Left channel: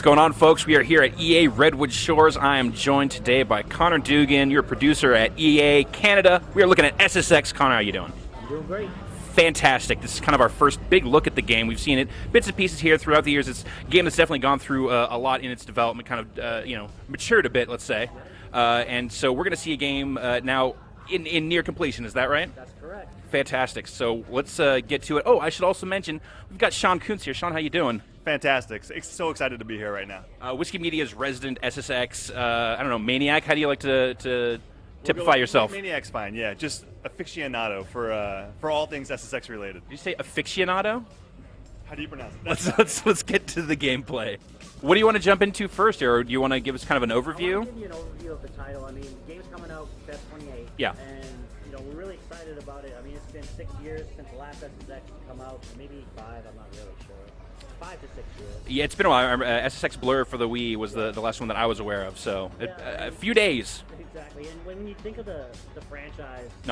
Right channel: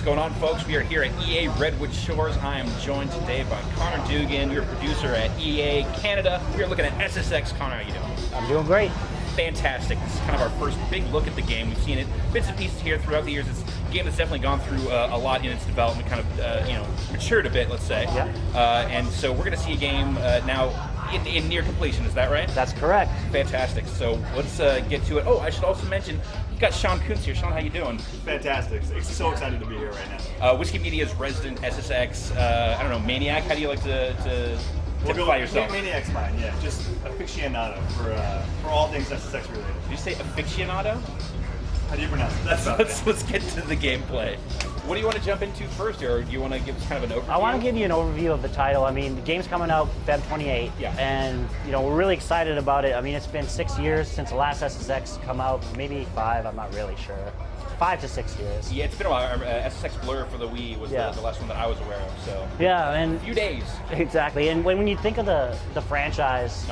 What's going on, folks? We are here at EA Redwood Shores. I am joined today by Connor Dugan, your producer at EA Canada. We are looking at SSX. Connor, how you doing? I'm doing great. Fantastic. This is kind of our first big look at the game. We've seen it bits and pieces here throughout the years. It's a game that's definitely gone through a lot in its development, kind of matured a bit, let's say. Yeah. And so we're going to see a game now in near completion. Is that right? That's correct. Fantastic. So let's get to it. Oh, I should also mention, we've got Sean Kuntz here. Sean, how you doing? Fantastic. So excited to be here right now. Whiskey Media's resident SSX, I don't know, maniac. How do you like to typify yourself? Maniac's fine, yeah. Just aficionado for all things SSX related. Did you say aficionado? How do you pronounce it? Let's get to the gameplay. What do you want to jump into first, or do you want to give us kind of an overview? I want to give you an overview of the title. I mean, the game's coming out Feb 28. Yeah. And, we're really excited about it. I mean, it's been 6 years since the last SSX come out. Maybe 5, I'm not really sure. 5 to 6 years. Yeah, it's been a while. SSX Blur for the Wii was Yeah. the last one that I was aware of, so Yeah, and a few days. Exactly. And when you think of the franchise,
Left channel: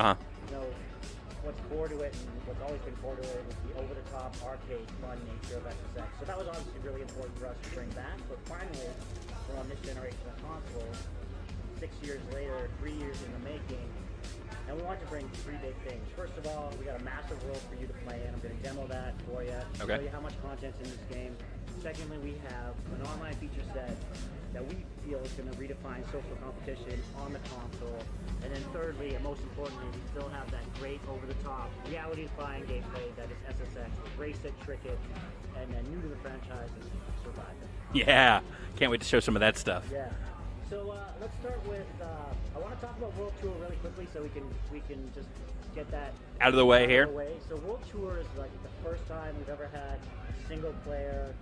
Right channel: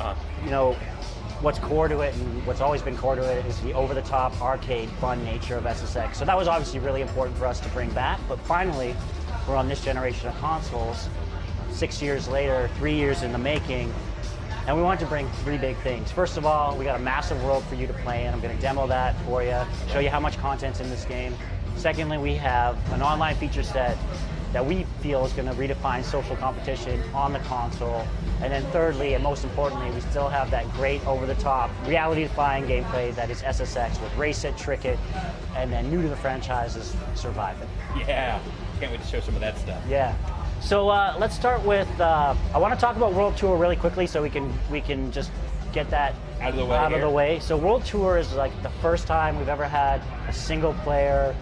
what's core to it and what's always been core to it is the over-the-top arcade fun nature of SSX. So that was obviously really important for us to bring back, but finally, we're on this generation of consoles, 6 years later, 3 years in the making, and we wanted to bring 3 big things. First of all, we got a massive world for you to play in. I'm going to demo that for you, show you how much content's in this game. Secondly, we have an online feature set that we feel is going to redefine social competition on the console. And then thirdly, and most importantly, we still have that great over-the-top, reality-defying gameplay that is SSX with Race It, Trick It, and then new to the franchise is Survive It. Yeah, can't wait to show some of that stuff. Yeah. So let's start with, I want to talk about World Tour really quickly so we can just get that Out of the way. So World Tour is like the first time we've ever had a single-player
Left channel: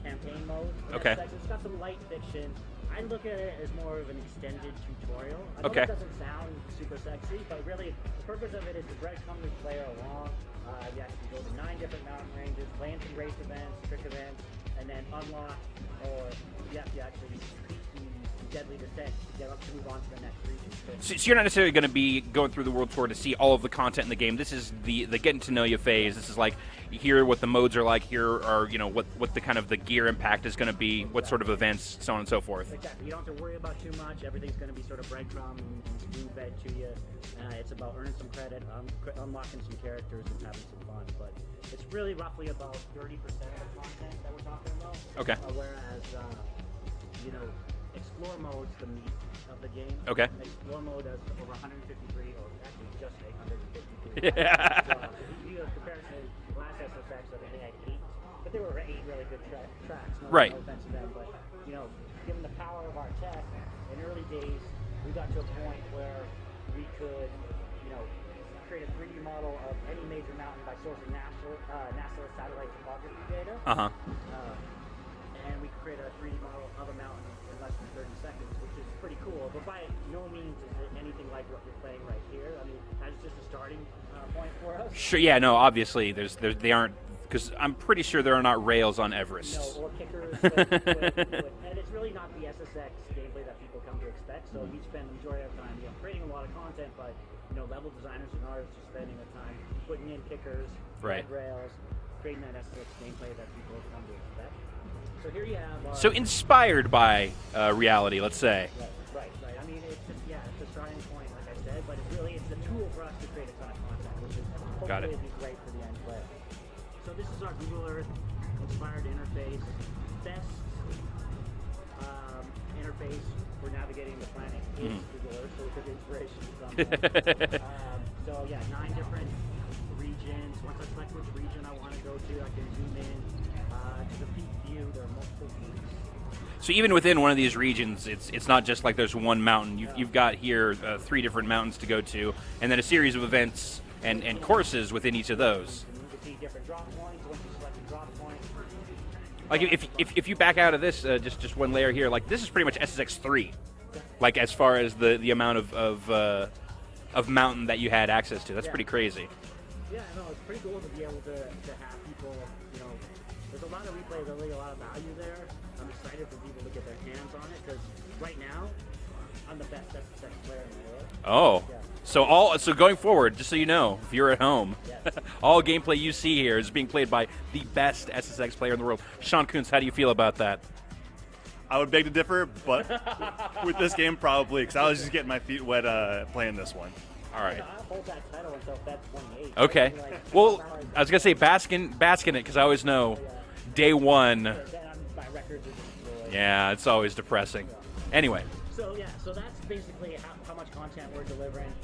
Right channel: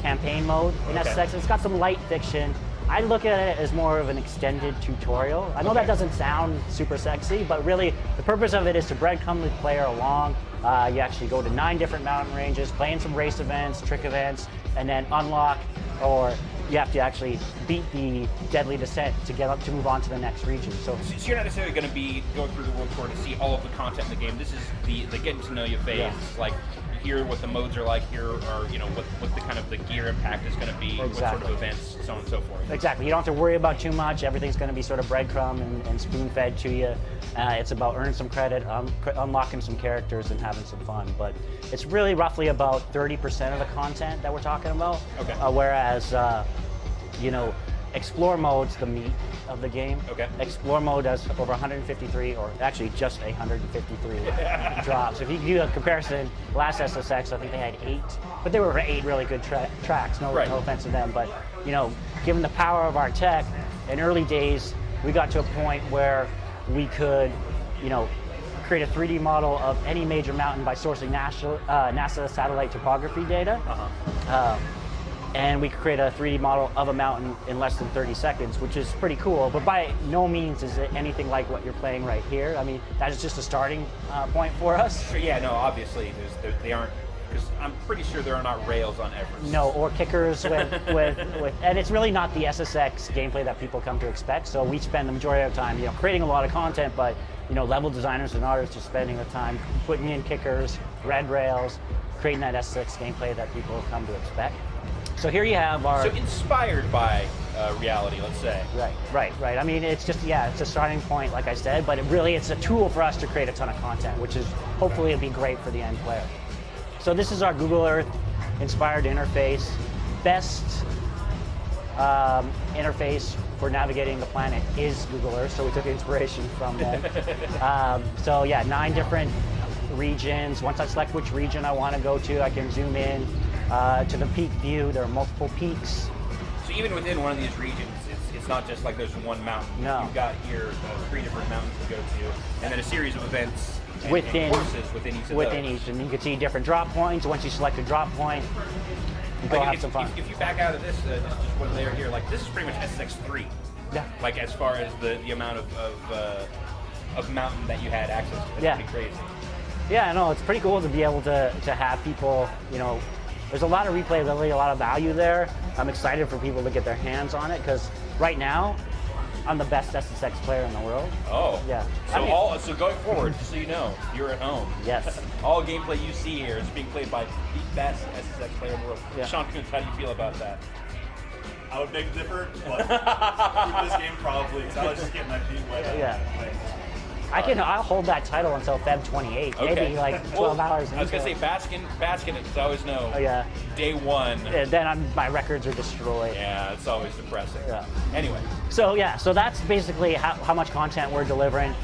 campaign mode in SSX. It's got some light fiction. I look at it as more of an extended tutorial. I know that doesn't sound super sexy, but really the purpose of it is to breadcrumb the player along. You actually go to 9 different mountain ranges, play in some race events, trick events, and then unlock, or you have to actually beat the deadly descent to get up to move on to the next region. So you're not necessarily going to be going through the World Tour to see all of the content in the game. This is the getting to know you phase. Yeah. It's like, here what the modes are like, here are what the kind of the gear impact is going to be, what sort of events, so on and so forth. Exactly. You don't have to worry about too much. Everything's going to be sort of breadcrumb and spoon-fed to you. It's about earning some credit, unlocking some characters, and having some fun. But it's really roughly about 30% of the content that we're talking about. Okay. Whereas, Explore mode's the meat of the game. Okay. Explore mode does over 153, or actually just 153 drops. If you do a comparison, last SSX, I think they had 8, but they were 8 really good tracks. No offense to them, but given the power of our tech, in early days, we got to a point where we could, create a 3D model of any major mountain by sourcing NASA satellite topography data. And we could create a 3D model of a mountain in less than 30 seconds, which is pretty cool. But by no means is it anything like what you're playing right here. I mean, that is just a starting point for us. Sure, yeah, no, obviously, they aren't, because I'm pretty sure there are not rails on Everest. No, or kickers with and it's really not the SSX gameplay that people come to expect. So we spend the majority of the time, creating a lot of content, but level designers and artists are spending the time putting in kickers, red rails, creating that SSX gameplay that people have come to expect. So here you have our... So inspired by reality, let's say. Right. I mean, it's just, it's a starting point, like I said, but it's a tool for us to create a ton of content, which is, hopefully it'll be great for the end player. So this is our Google Earth inspired interface. Best interface for navigating the planet is Google Earth, so we took inspiration from them. 9 different regions. Once I select which region I want to go to, I can zoom in to the peak view. There are multiple peaks. So even within one of these regions, it's not just like there's one mountain. You've got here 3 different mountains to go to, and then a series of events and courses within each of those. And you can see different drop points. Once you select a drop point, like if you back out of this, just one layer here, like this is pretty much SSX 3. Yeah. Like as far as the amount of mountain that you had access to, that's pretty crazy. Yeah, I know, it's pretty cool to be able to have people, there's a lot of replayability, a lot of value there. I'm excited for people to get their hands on it, because right now, I'm the best SSX player in the world. Oh. Yeah. So going forward, just so you know, if you're at home, yes, all gameplay you see here is being played by the best SSX player in the world. Yeah. Sean Kuntz, how do you feel about that? I would beg to differ, but with this game probably, because I was just getting my feet wet playing this one. I'll hold that title until Feb 28. Okay. Maybe like 12 hours. I was gonna say bask in it because I always know. Day one. Then my records are destroyed. Yeah, it's always depressing. Yeah. Anyway. So that's basically how much content we're delivering.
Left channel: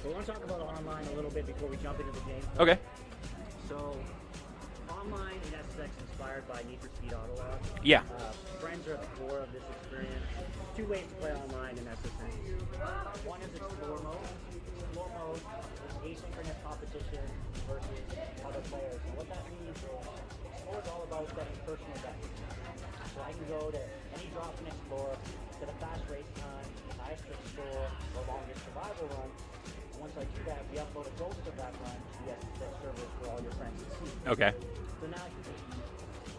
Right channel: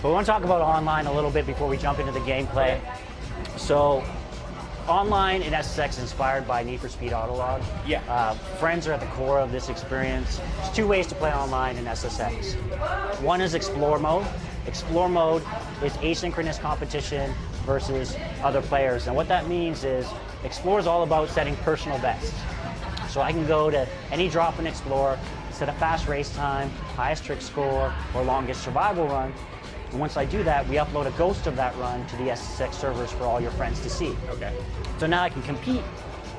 But we want to talk about online a little bit before we jump into the gameplay. Okay. So online in SSX inspired by Need for Speed Autolog. Yeah. Friends are at the core of this experience. There's two ways to play online in SSX. One is Explore Mode. Explore Mode is asynchronous competition versus other players. And what that means is Explore is all about setting personal bests. So I can go to any drop and Explore, set a fast race time, highest trick score, or longest survival run. And once I do that, we upload a ghost of that run to the SSX servers for all your friends to see. Okay. So now I can compete.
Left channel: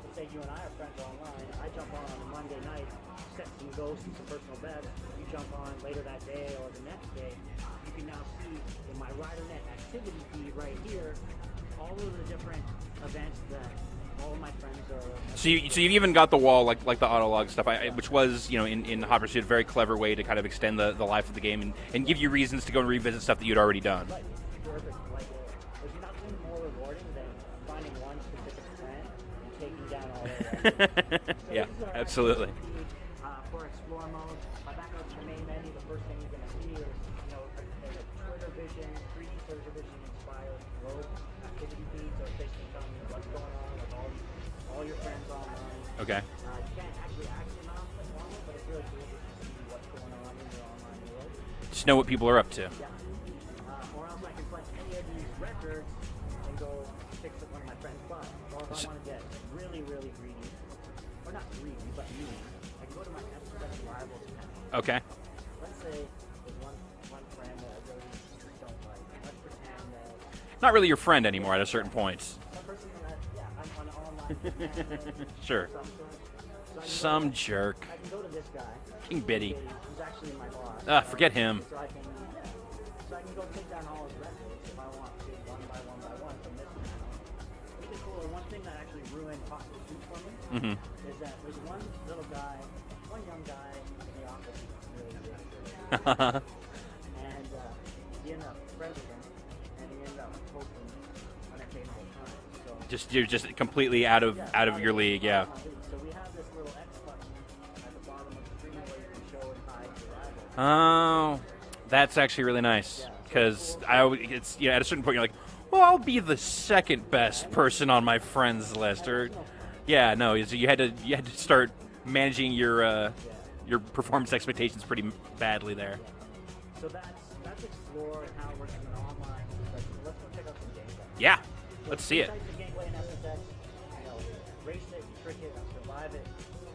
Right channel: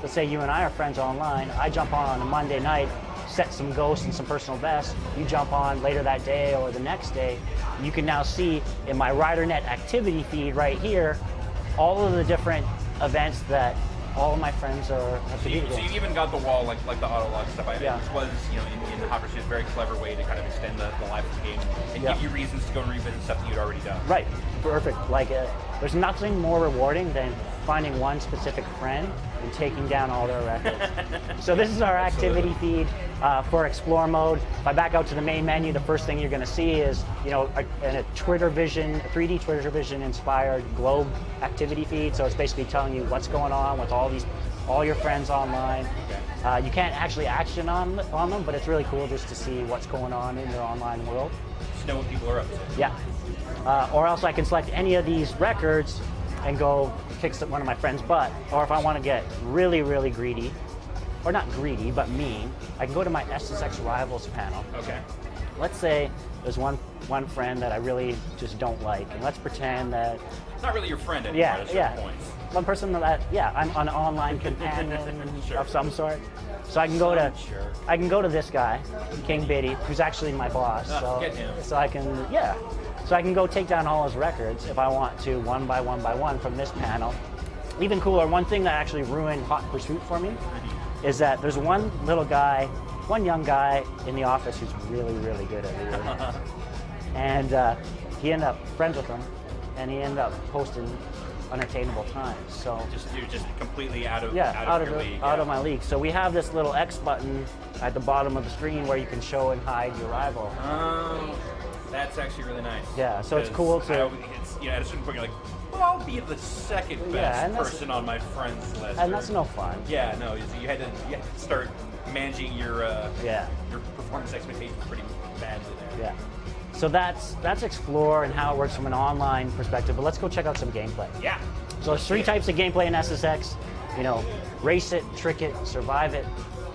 Let's say you and I are friends online. I jump on a Monday night, set some ghosts and some personal bests. You jump on later that day or the next day. You can now see in my RiderNet activity feed right here all of the different events that all of my friends are. So you've even got the wall like the Autolog stuff, which was in Hot Pursuit a very clever way to kind of extend the life of the game and give you reasons to go and revisit stuff that you'd already done. Right, perfect. Like there's nothing more rewarding than finding one specific friend and taking down all their records. So this is our activity feed for Explore Mode. If I back out to the main menu, the first thing you're going to see is a Twitter Vision, 3D Twitter Vision inspired globe activity feed. So it's basically telling you what's going on with all your friends online. Okay. You can't actually action on them, but it's really cool just to see what's going on in their online world. Just know what people are up to. Yeah. Or else I can select any of these records and go kick one of my friends' butt. Or if I want to get really, really greedy, or not greedy, but mean, I can go to my SSX Rivals panel. Okay. Let's say there's one friend that I really just don't like, and let's pretend that... Not really your friend anymore at a certain point. One person that, I'm an online companion of some sort. So I can I can go to this guy, King Biddy, who's actually my boss. Forget him. So I can go take down all his records if I want to, one by one from this panel. Even cooler, one thing that actually ruined Hot Pursuit for me is that there's one young guy in the office who's really, really good at it. And he ended up friends with him, and he ended up posting unattainable times. So you're just completely out of your league. Out of my league. So we have this little X button at the bottom of the screen where you can show and hide your rival. Oh, that's actually really nice. Yeah, so it's cool. At a certain point you're like, well, I'll be the second best person on my friends list. And that's no fun. Yeah, no. You had to start managing your performance expectations pretty badly there. Yeah. So that's Explore and how it works from an online perspective. But let's go check out some gameplay. Yeah. So there's three types of gameplay in SSX. Race it, trick it, survive it.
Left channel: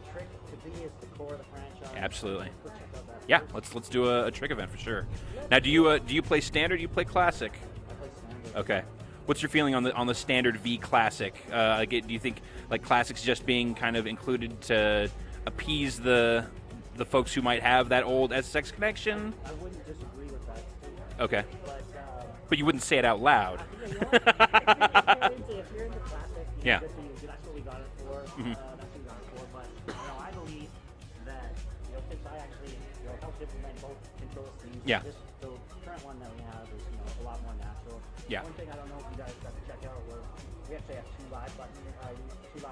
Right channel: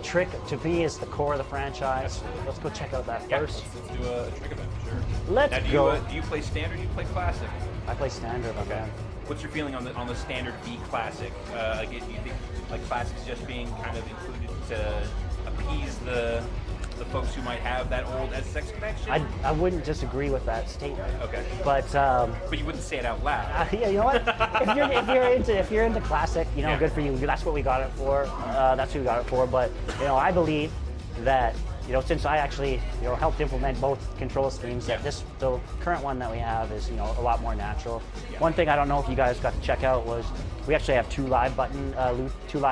Trick to me is the core of the franchise. Absolutely. Let's go check out that first. Yeah, let's do a trick event for sure. Now, do you play standard? Or do you play classic? I play standard. Okay. What's your feeling on the standard v classic? Do you think like classics just being kind of included to appease the folks who might have that old SSX connection? I wouldn't disagree with that statement. Okay. But you wouldn't say it out loud. Yeah, you know what? if you're into classic, good for you. That's what we got it for. That's what we got it for. But I believe that since I actually helped implement both control schemes, the current one that we have is a lot more natural. Yeah. One thing I don't know if you guys got to check out was we actually have two live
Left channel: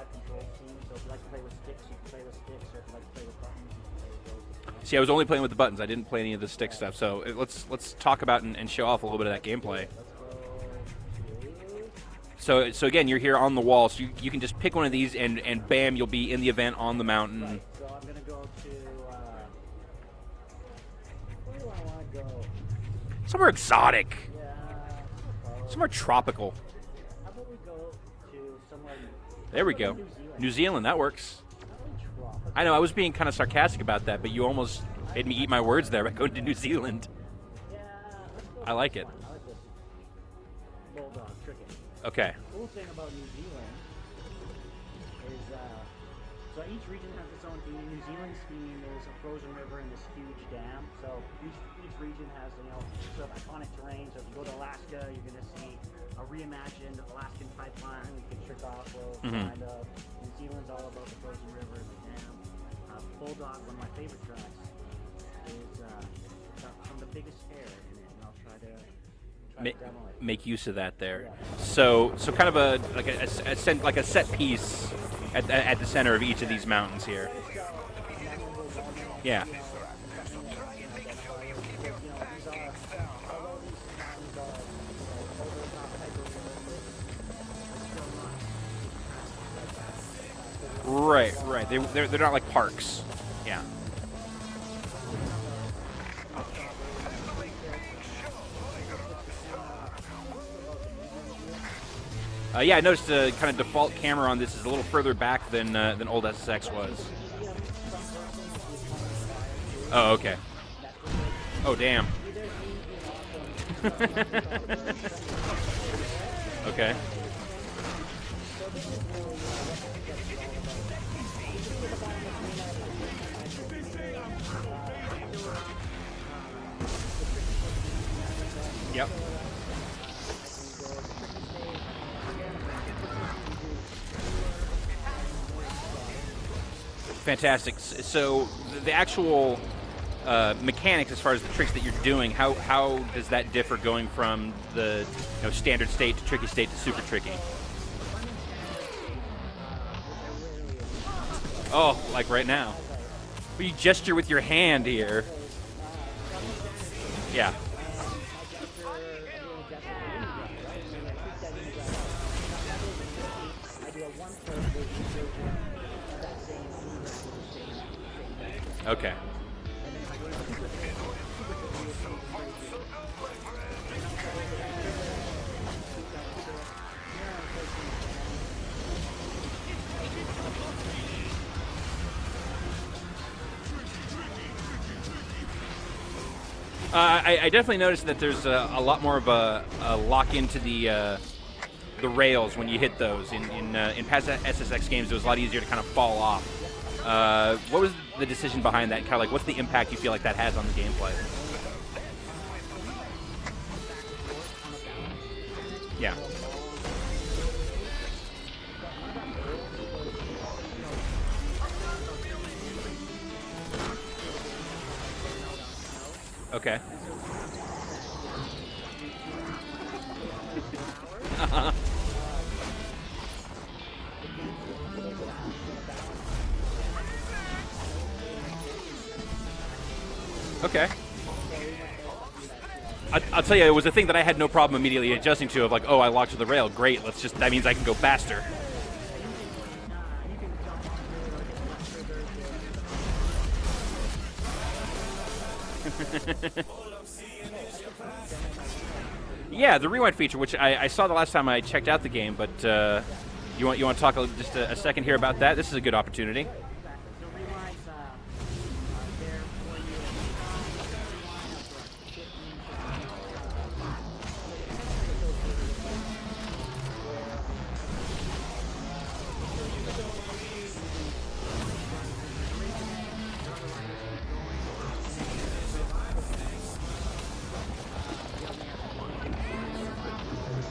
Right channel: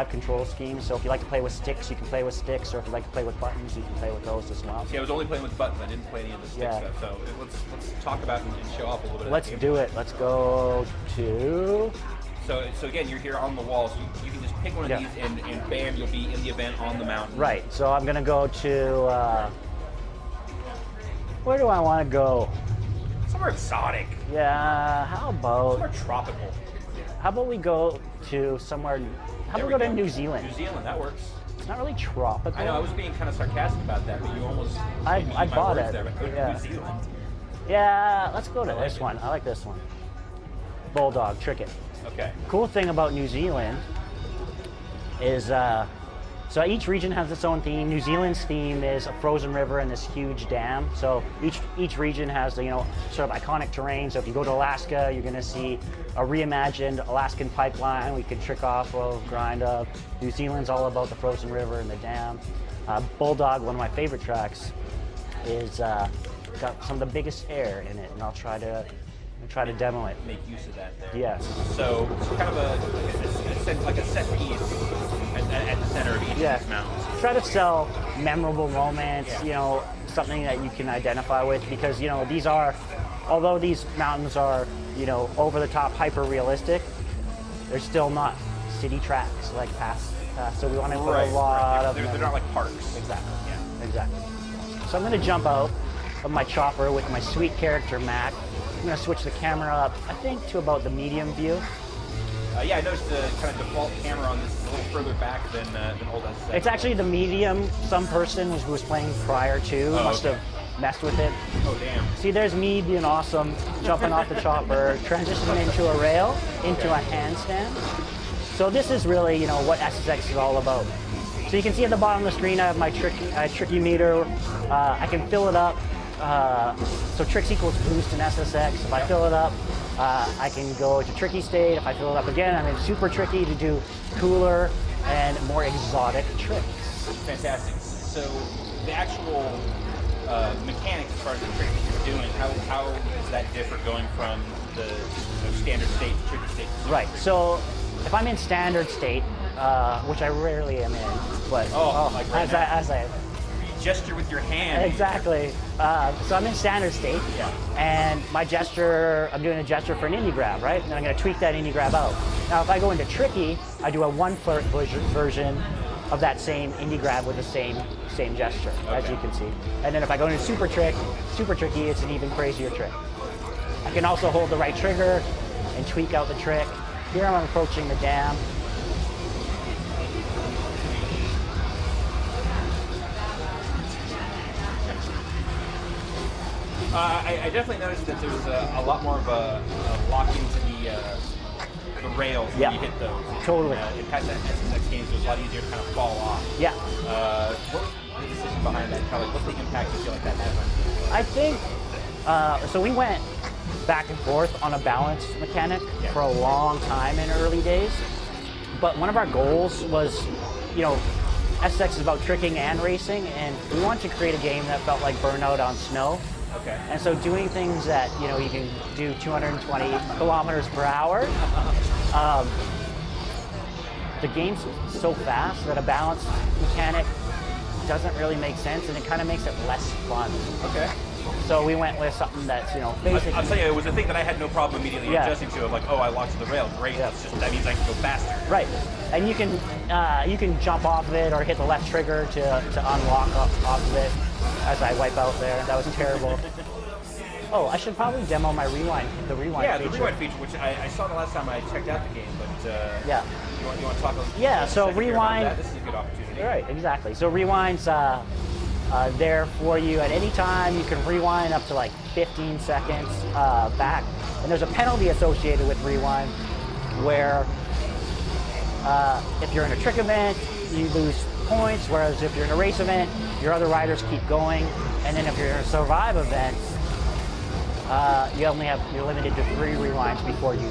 control schemes. So if you like to play with sticks, you can play with sticks, or if you like to play with buttons, you can play with those as well. See, I was only playing with the buttons. I didn't play any of the stick stuff. So let's talk about and show off a little bit of that gameplay. Let's do it. Let's go to. So again, you're here on the wall, so you can just pick one of these, and bam, you'll be in the event on the mountain. Right. So I'm gonna go to. Where do I want to go? Somewhere exotic. Yeah. How about? Somewhere tropical. How about we go to somewhere? There we go. To New Zealand. New Zealand, that works. It's not really tropical. I know. I was being kind of sarcastic about that, but you almost made me eat my words there by going to New Zealand. Yeah. Let's go to this one. I like this one. Bulldog, trick it. Okay. Cool thing about New Zealand is So each region has its own theme. New Zealand's theme is a frozen river and this huge dam. So each region has the, sort of iconic terrain. So if you go to Alaska, you're going to see a reimagined Alaskan pipeline we could trick off of, grind up. New Zealand's all about the frozen river and the dam. Bulldog, one of my favorite tracks, is got some of the biggest air in it, and I'll try to demo it. Make use of that there. Yeah. So kind of a set piece at the center of each of these mountains here. Try to sell memorable moments. Yeah. Something that you can identify with, because these are, although these mountains are over the top, hyper realistic, they're still not city tracks like past. So we want to put a lot They're not like parks. Exactly. Yeah. Exactly. So I'm going to jump out of my chopper with my sweet character Mac. I'm going to switch the camera up, I think, to about the medium view. Yeah, I noticed the kind of default camera on this is a little further back than old SSX. It's actually the medium. Some person who was playing prior to must have messed with it. Oh, damn. See, there's me being awesome, jumping off the chopper, transitioning into a rail, into a handstand. So this is really, what SSX is all about. So you can see at the bottom of the screen, I have my tricky meter. I can fill it up. So tricks equals boost in SSX. If I fill it up, I can go to tricky state. If I fill it up again, I'm in super tricky to do cooler and more exotic tricks. Fantastic. So the actual mechanics as far as the tricks that you're doing, how does that differ going from the standard state to tricky state to super tricky? Right. So if I'm in standard state, which I rarely am in, but like right now. You gesture with your hand exactly. here. So I'm in standard state. Yeah. And my gesture, I'm doing a gesture for an indie grab, right? And I'm going to tweak that indie grab out. Now, if I go into tricky, I do a 1/4 version of that same indie grab with the same gesture, as you can see. And then if I go into super tricky, it's an even crazier trick. I can also hold the right trigger and tweak out the trick. Here I'm approaching the dam. I definitely noticed that there's a lot more of a lock into the rails when you hit those. In past SSX games, it was a lot easier to kind of fall off. Yeah. What was the decision behind that? Kind of like, what's the impact you feel like that has on the gameplay? I think, so we went back and forth on a balance mechanic for a long time in early days. But one of our goals was, SSX is about tricking and racing, and we wanted to create a game that felt like Burnout on snow. Okay. And so doing things that, you can do 220 kilometers per hour, the game's so fast that a balance mechanic doesn't really make sense, and it kind of makes it less fun. Okay. So we went with something that's, basically... I'll tell you, it was a thing that I had no problem immediately adjusting to, of like, I locked to the rail, great, that means I can go faster. Right, and you can jump off of it or hit the left trigger to unlock off of it as I wipe out there. That was terrible. Oh, I should probably demo my rewind. The rewind. Yeah, feature. the rewind feature, which I saw the last time I checked out the game, but you want to talk a second here about that? This is a good opportunity. Right, exactly. So rewind's there for you at any time. You can rewind up to like 15 seconds back, and there's a penalty associated with rewind where if you're in a trick event, you lose points, whereas if you're in a race event, your other riders keep going, and then if you're in a survive event, you're limited to 3 rewinds before your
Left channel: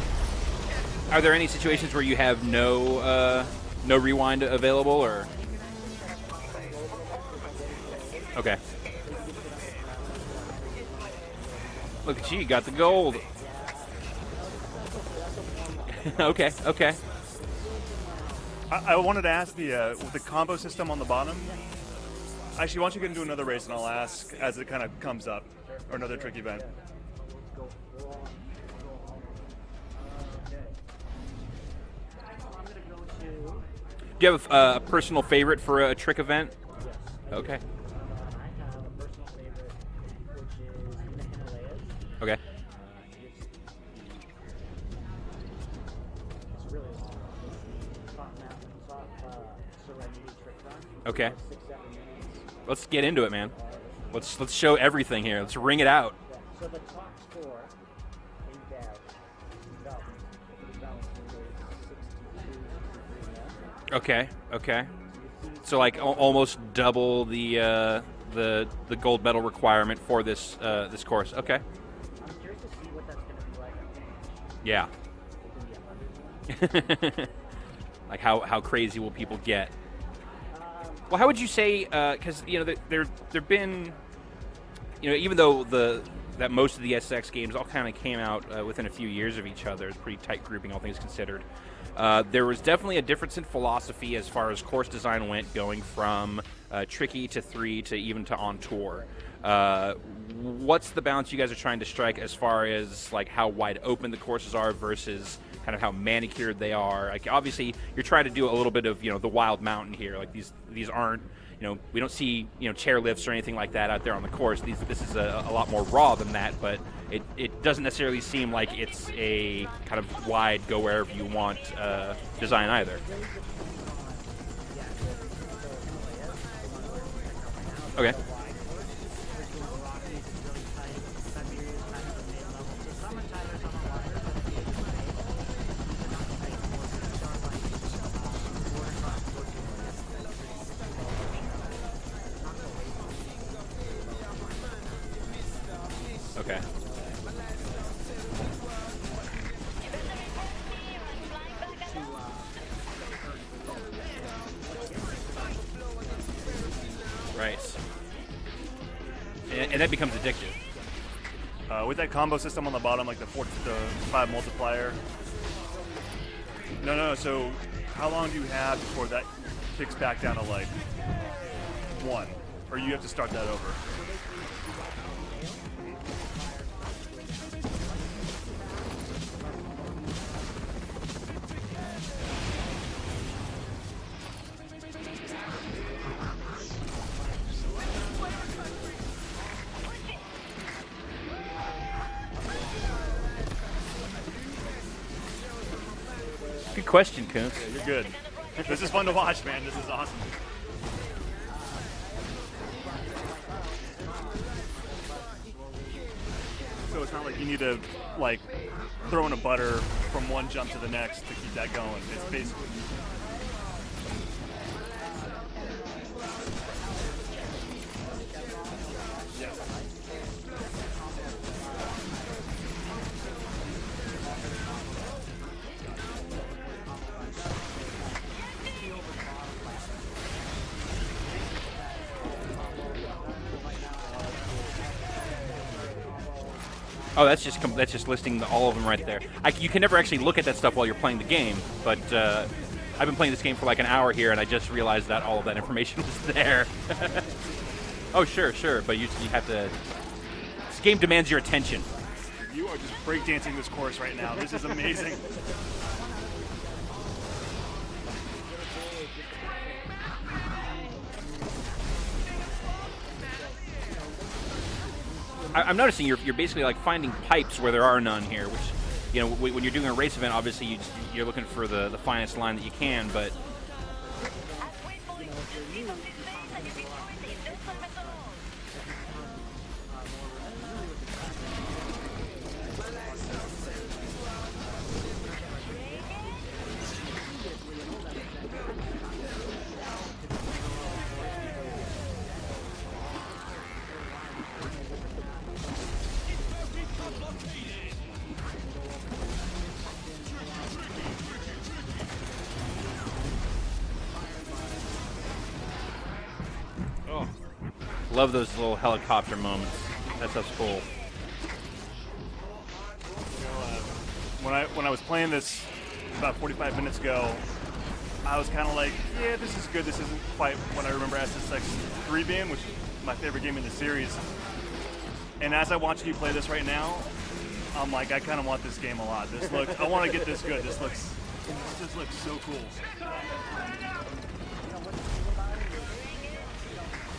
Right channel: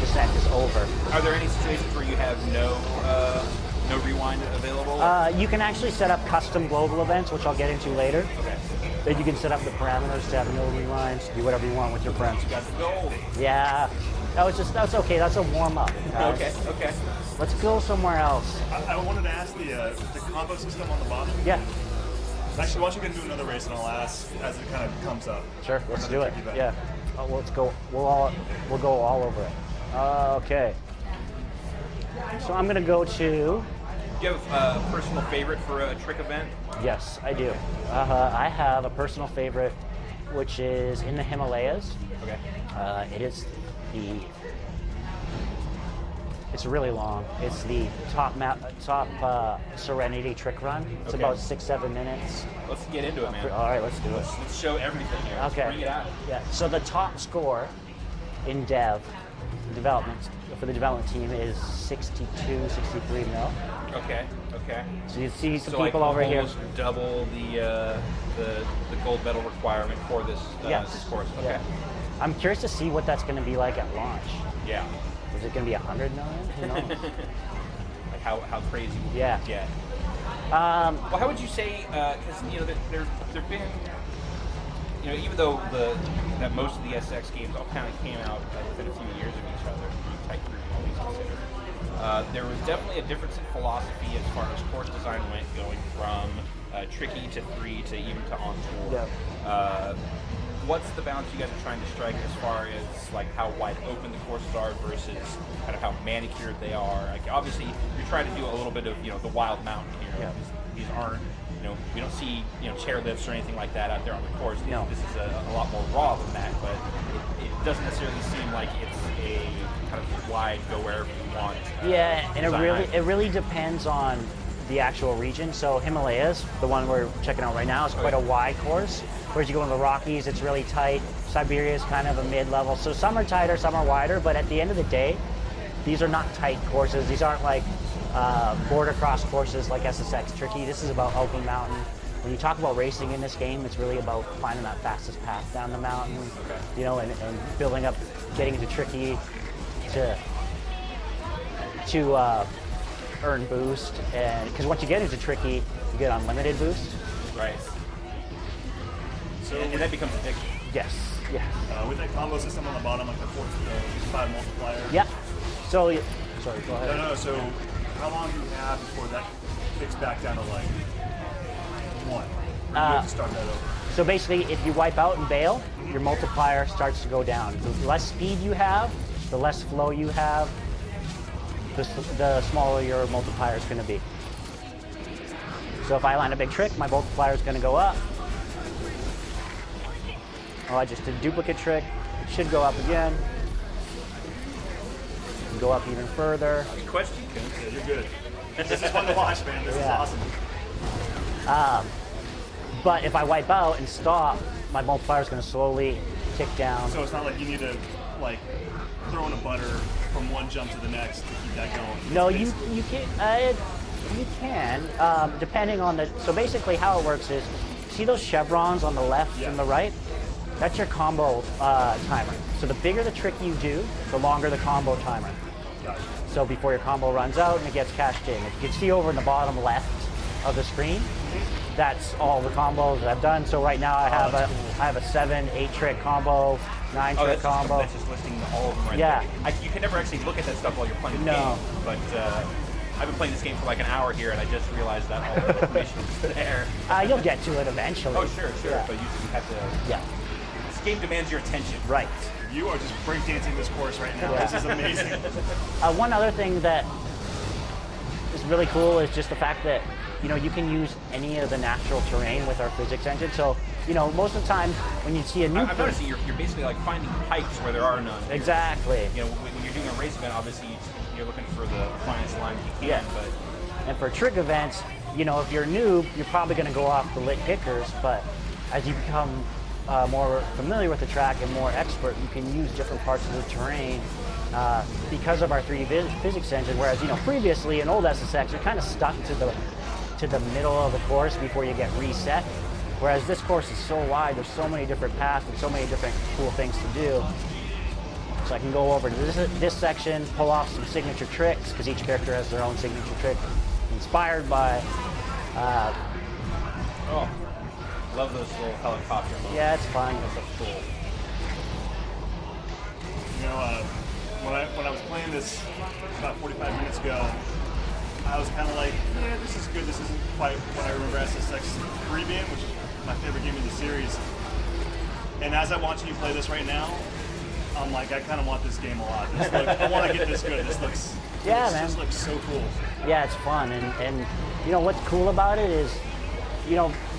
descent is over. Are there any situations where you have no rewind available? You can actually set up custom global events, which I'll get into later. Okay. But you can set up the parameters to have no rewinds, do whatever you want with your friends. You got the gold. Yeah, that's okay. That's a warm up. Okay. Let's go somewhere else. I wanted to ask the combo system on the bottom. Yeah. Actually, why don't you get into another race and I'll ask as it kind of comes up. Sure, let's do it. Event. Yeah. Let's go. We'll go all over it. Okay. So I'm gonna go to. Do you have a personal favorite for a trick event? Yes, I do. I have a personal favorite, which is in the Himalayas. Okay. It is it's really long. It's the top Serenity trick run. It's about 6-7 minutes. Let's get into it, man. All right, let's do it. Let's show everything here. Let's ring it out. Yeah. So the top score in development for the development team is 62, 63 mil. Okay. So you see some So like people over almost here. double the gold medal requirement for this Yes. this course. Okay. Yeah. I'm curious to see what that's going to be like at launch. Yeah. Is it going to be 100 million? Who knows? Like how crazy will people get? Well, how would you say? Because there've been, even though that most of the SX games all kind of came out within a few years of each other, pretty tight grouping, all things considered. There was definitely a difference in philosophy as far as course design went, going from tricky to 3 to even to on tour. Yeah. What's the balance you guys are trying to strike as far as like how wide open the courses are versus kind of how manicured they are? Like obviously you're trying to do a little bit of the wild mountain here. Like these aren't we don't see chair lifts or anything like that out there on the course. This is a lot more raw than that, but it doesn't necessarily seem like it's a kind of wide go wherever you want design it really depends on the actual region. So Himalayas, the one we're checking out right now, is quite a wide course. Whereas you go in the Rockies, it's really tight. Siberia is kind of a mid-level. So some are tighter, some are wider, but at the end of the day, these are not tight courses. These aren't like border cross courses like SSX Tricky. This is about Open Mountain. When you talk about racing in this game, it's really about finding that fastest path down the mountain. Okay. And building up, getting to Tricky to earn boost, and because once you get into Tricky, you get unlimited boost. Right. And that becomes addictive. Yes. Yeah. With that combo system on the bottom, like the 5 multiplier. Yeah. So, sorry, go ahead. No. So, how long do you have before that kicks back down to like 1? Or do you have to start that over? So basically, if you wipe out and bail, your multiplier starts to go down. The less speed you have, the less flow you have, the smaller your multiplier is going to be. So if I land a big trick, my multiplier is going to go up. Oh, I just did a duplicate trick. It should go up again. Go up even further. Good question, Coons. Good. And this is fun to watch, man. This is awesome. But if I wipe out and stop, my multiplier is going to slowly kick down. So it's not like you need to like throw in a butter from one jump to the next to keep that going. No, you can, depending on the. So basically, how it works is, see those chevrons on the left and the right? That's your combo timer. So the bigger the trick you do, the longer the combo timer. Gotcha. So before your combo runs out and it gets cashed in. You can see over in the bottom left of the screen, that's all the combos that I've done. So right now I have a 7, 8 trick combo, 9 trick combo. That's just listing all of them right there. You can never actually look at that stuff while you're playing the game, but I've been playing this game for like an hour here, and I just realized that all of that information is there. You'll get to it eventually. Oh, sure, but you have to. Yeah. This game demands your attention. Right. You are just breakdancing this course right now. Yeah. This is amazing. One other thing that is really cool is just the fact that you can use any of the natural terrain with our physics engine. So most of the time when you see a new, I'm noticing you're basically like finding pipes where there are none here. Exactly. When you're doing a race event, obviously you're looking for the finest line that you can, but. And for trick events, if you're a noob, you're probably going to go off the lit kickers, but as you become more familiar with the track and more expert, you can use different parts of the terrain because of our 3D physics engine. Whereas previously in old SSX, you're kind of stuck to the middle of the course before you get reset. Whereas this course is so wide, there's so many different paths and so many different cool things to do. So I can go over to this section, pull off some signature tricks, because each character has their own signature trick, inspired by. Love those little helicopter moments. Yeah, it's fun. That stuff's cool. When I was playing this about 45 minutes ago, I was kind of like, yeah, this is good. This isn't quite what I remember SSX Premium, which is my favorite game in the series. And as I'm watching you play this right now, I'm like, I kind of want this game a lot. I want to get this good. This looks so cool. Yeah, it's fun, and what's cool about it is,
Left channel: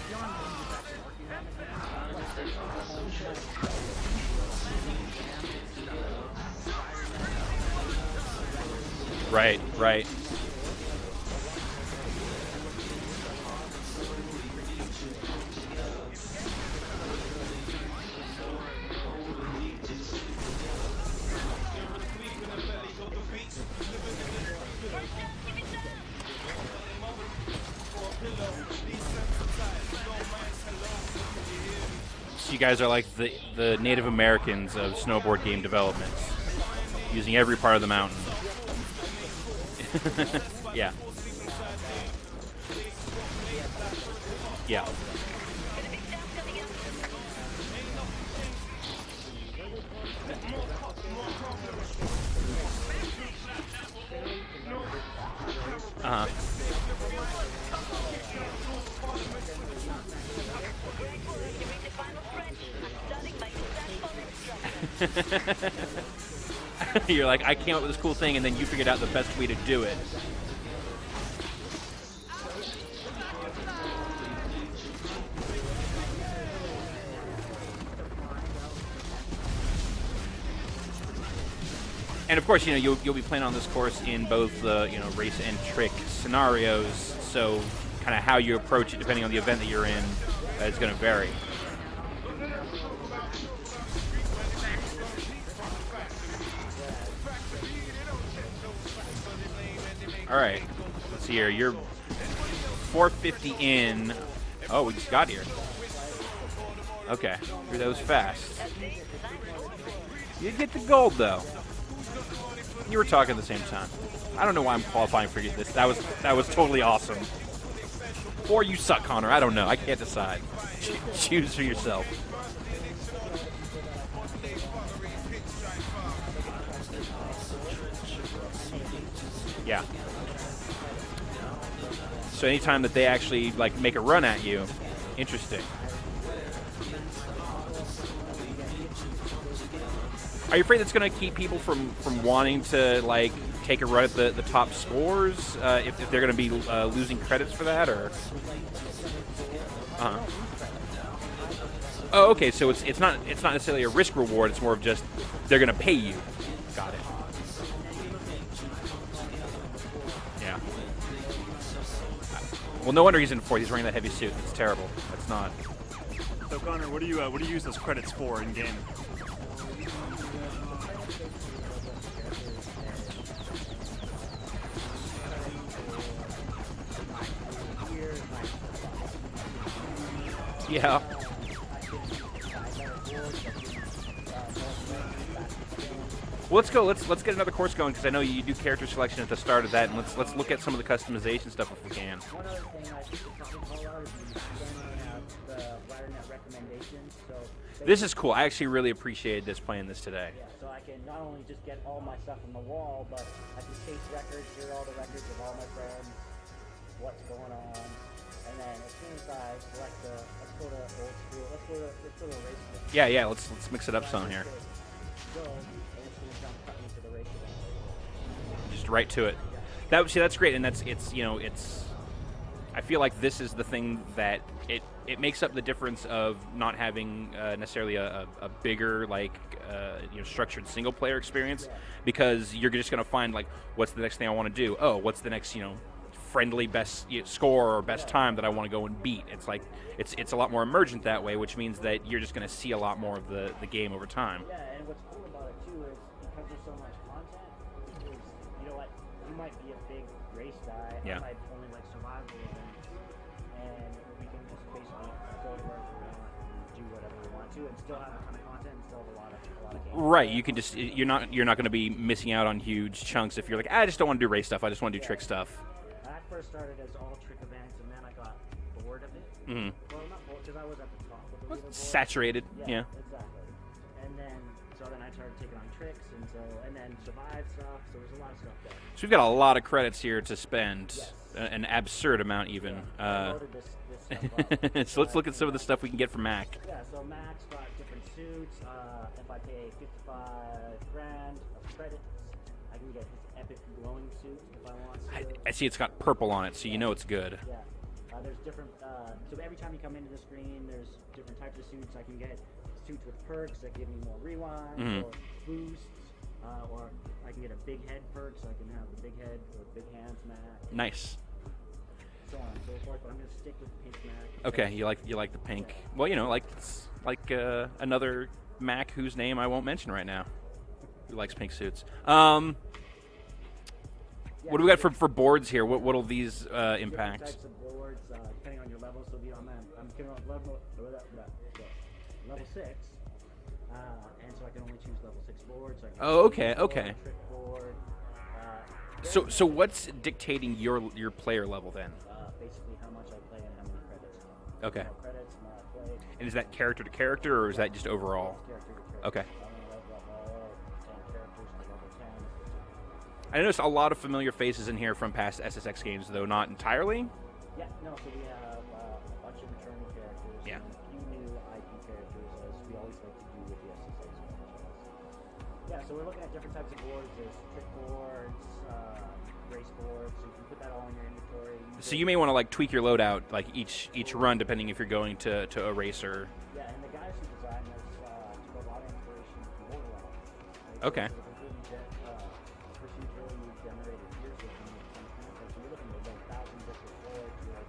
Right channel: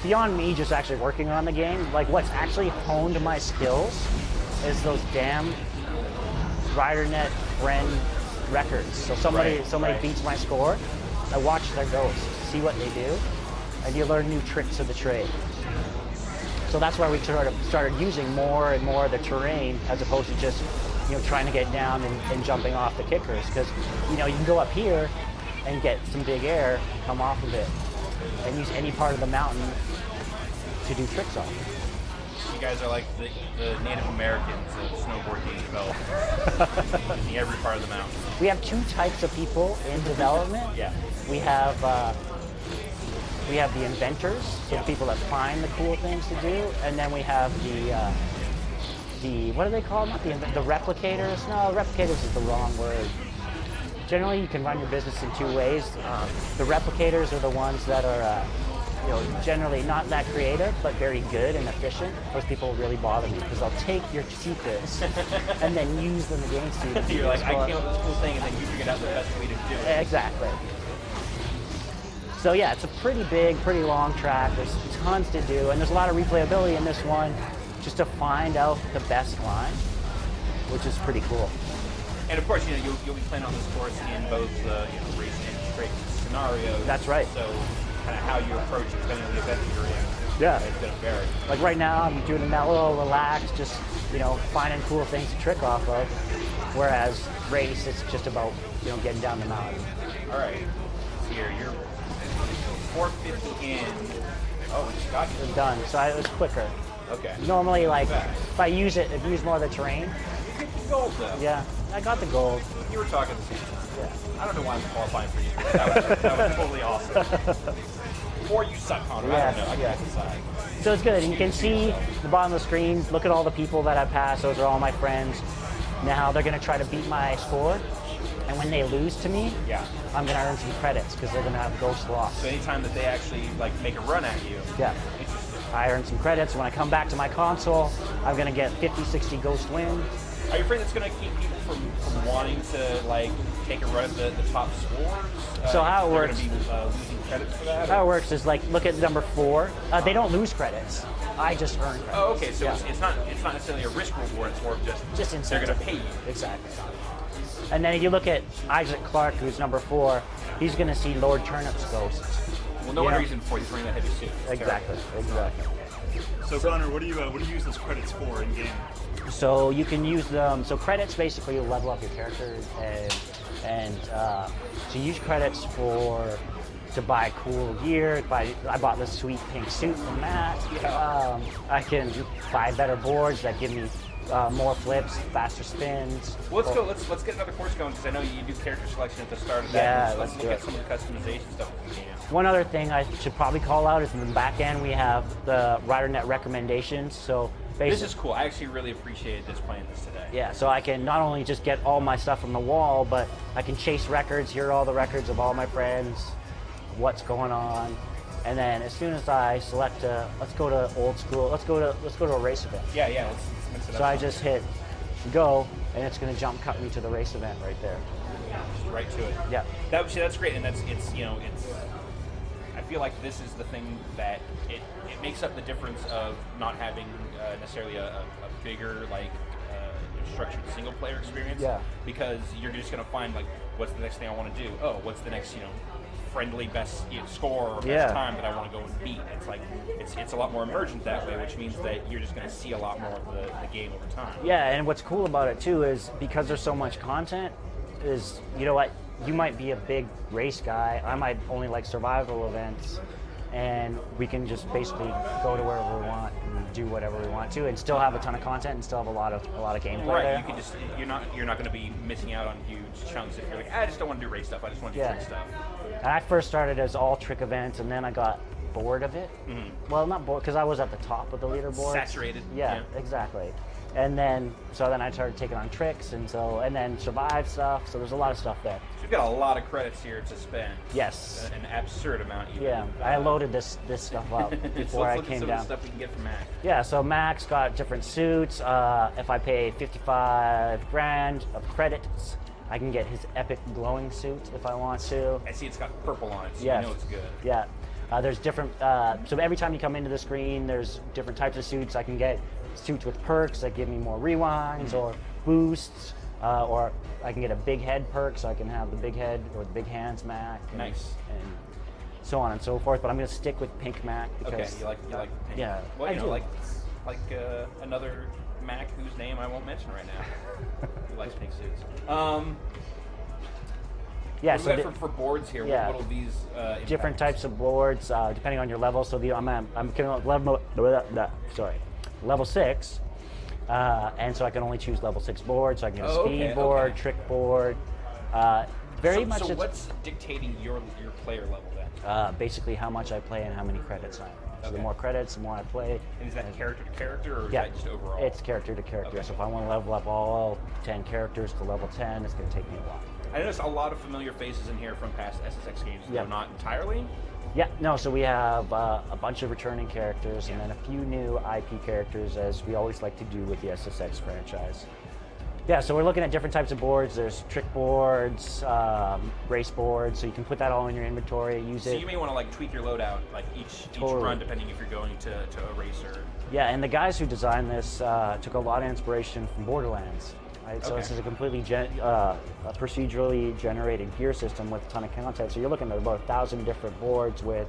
beyond me just actually working on the game, like what's actually honed my skills is those damn RiderNet friend records. So somebody beats my score, I watch their goes, see what they do, and you learn new tricks of the trade. So that's why we started using more and more of the terrain as opposed to just trying to get down and jumping off the kickers, because you can go up here and get some big air, come off of it, and use any part of the mountain to do tricks on. You guys are like the Native Americans of snowboard game development, using every part of the mountain. We have two types of people in development. Yeah. We have the inventors, Yeah. people that find the cool things to do, and then we have the what do they call them? The replicators? No, replicators is the wrong word. Generally, you can run your business in two ways. The replicators are the ones that are generally not that creative, but very good and efficient. Those people really bother me because they'll take your secrets and then use them against you. You're like, I came up with this cool thing, and then you figured out the best way to do it. Exactly. So yeah, it's a pretty big, pretty long track. There's tons to do, and there's a lot of replayability in this one, just to find out the best climb, which is pretty cool. And of course, you'll be playing on this course in both race and trick scenarios. That's right. So kind of how you approach it, depending on the event that you're in, it's going to vary. Like right now, I'm doing a mellow, relaxed, just finding cool things to trick off of. Whereas race, it's just about getting down the mountain. All right. So you're 450 in. Oh, we just got here. It's done. So it was quicker. Okay. Normally, It was like fast. if I use more of the terrain. You get the gold though. Yeah, I got the gold. You were talking at the same time. Yeah. I don't know why I'm qualifying for this. That was totally awesome. Or you suck, Connor. I don't know. I can't decide. So it's good. You can Choose for see yourself. the bottom of the screen. Look at all the people that I passed. Those are all my friends. Now they're going to try to beat my score. And when they lose to me, Yeah. I'm going to earn some credits because they're going to have ghost loss. So anytime that they actually make a run at you, Yeah. interesting. I earn some credits. When I come back to my console, I'm going to get 50, 60 ghost win. Are you afraid that's going to keep people from wanting to take a run at the top scores? how if it they're going works- to be losing credits for that? How it or- works is look at number 4. They don't lose credits. I just earn credits. Oh, okay. So Yeah. it's not necessarily a risk reward. It's more of just incentive. they're going to pay you. Exactly. Got it. And then if you look at Isaac Clarke, who's number 4, Yeah. he's going to see Lord Turnip's ghosts. Well, no wonder Yeah. he's in fourth. He's wearing that heavy suit. It's Exactly. terrible. It's not. So Connor, what do you use those credits for in game? So you can use them. So credits basically will level up your character, and to use credits to buy cool gear. I bought this sweet pink suit from Matt. Yeah. I can buy better boards that give me more flips, faster spins. Well, let's go. Let's get another course going because I know you do character selection at the start of that. Yeah, Let's let's look do at it. some of the customization stuff if we can. One other thing I should probably call out is in the back end we have the RiderNet recommendations. So This is cool. I actually really appreciated playing this today. yeah, so I can not only just get all my stuff from the wall, but I can chase records, hear all the records of all my friends, what's going on, and then as soon as I select let's go to old school, let's go to a race event. Yeah. Let's mix it up. So I some just here. hit go, and it's going to cut me to the race event right there. Just right to it. Yeah. That's great, and it's I feel like this is the thing that it makes up the difference of not having necessarily a bigger structured single player experience. Yeah. Because you're just going to find what's the next thing I want to do? Oh, what's the next friendly best score or best Yeah. time that I want to go and beat? It's a lot more emergent that way, which means that you're just going to see a lot more of the game over time. Yeah, and what's cool about it too is because there's so much content, is what you might be a big race guy. I might only like survival events, and we can just basically go to wherever we want and do whatever we want to, and still have a ton of content and still have a lot of gameplay. Right, there. you can just you're not going to be missing out on huge chunks if you're like, I just don't want to do race stuff. I just want to do Yeah. trick stuff. And I first started as all trick events, and then I got bored of it. Mhm. Well, not bored because I was at the top of the leaderboard. Saturated. Yeah, exactly. And then I started taking on tricks, and then survive stuff. So there's a lot of stuff there. So we've got a lot of credits here to spend. Yes. An absurd amount even. Yeah, I loaded this stuff up. So before let's I look at came some of down. the stuff we can get from Mac. Yeah, so Mac's got different suits. If I pay 55 grand of credits, I can get his epic glowing suit if I want to. I see it's got purple on it, so Yes. you know it's good. Yeah. There's different, so every time you come into the screen, there's different types of suits. I can get suits with perks that give me more rewinds or boosts, or I can get a big head perk, so I can have the big head or the big hands Mac. Nice. And so on and so forth, but I'm going to stick with pink Mac. Okay, because- you like the pink. Yeah, Well, I do. another Mac whose name I won't mention right now. He likes pink suits. Yeah, what do we got for boards here? Yeah. What'll these impact? Different types of boards, depending on your level. So I'm level 6, and so I can only choose level 6 boards. So I can get a speed board, trick board. So what's dictating your player level then? Basically, how much I play and how many credits I have. So the more credits, the more I play. And is that character to character, or is that just overall? It's character to character. Okay. So if I want to level up all 10 characters to level 10, it's going to take me a while. I noticed a lot of familiar faces in here from past SSX games, though not entirely. Yeah, no, so we have a bunch of returning characters and then a few new IP characters, as we always like to do with the SSX franchise. Yeah, so we're looking at different types of boards. There's trick boards, race boards, so you can put that all in your inventory, use it. So you may want to like tweak your loadout like each run, depending if you're going to a racer. Yeah, and the guys who designed this took a lot of inspiration from Borderlands. Right? So this is a completely procedurally generated gear system with a ton of content. So you're looking at about 1,000 different boards with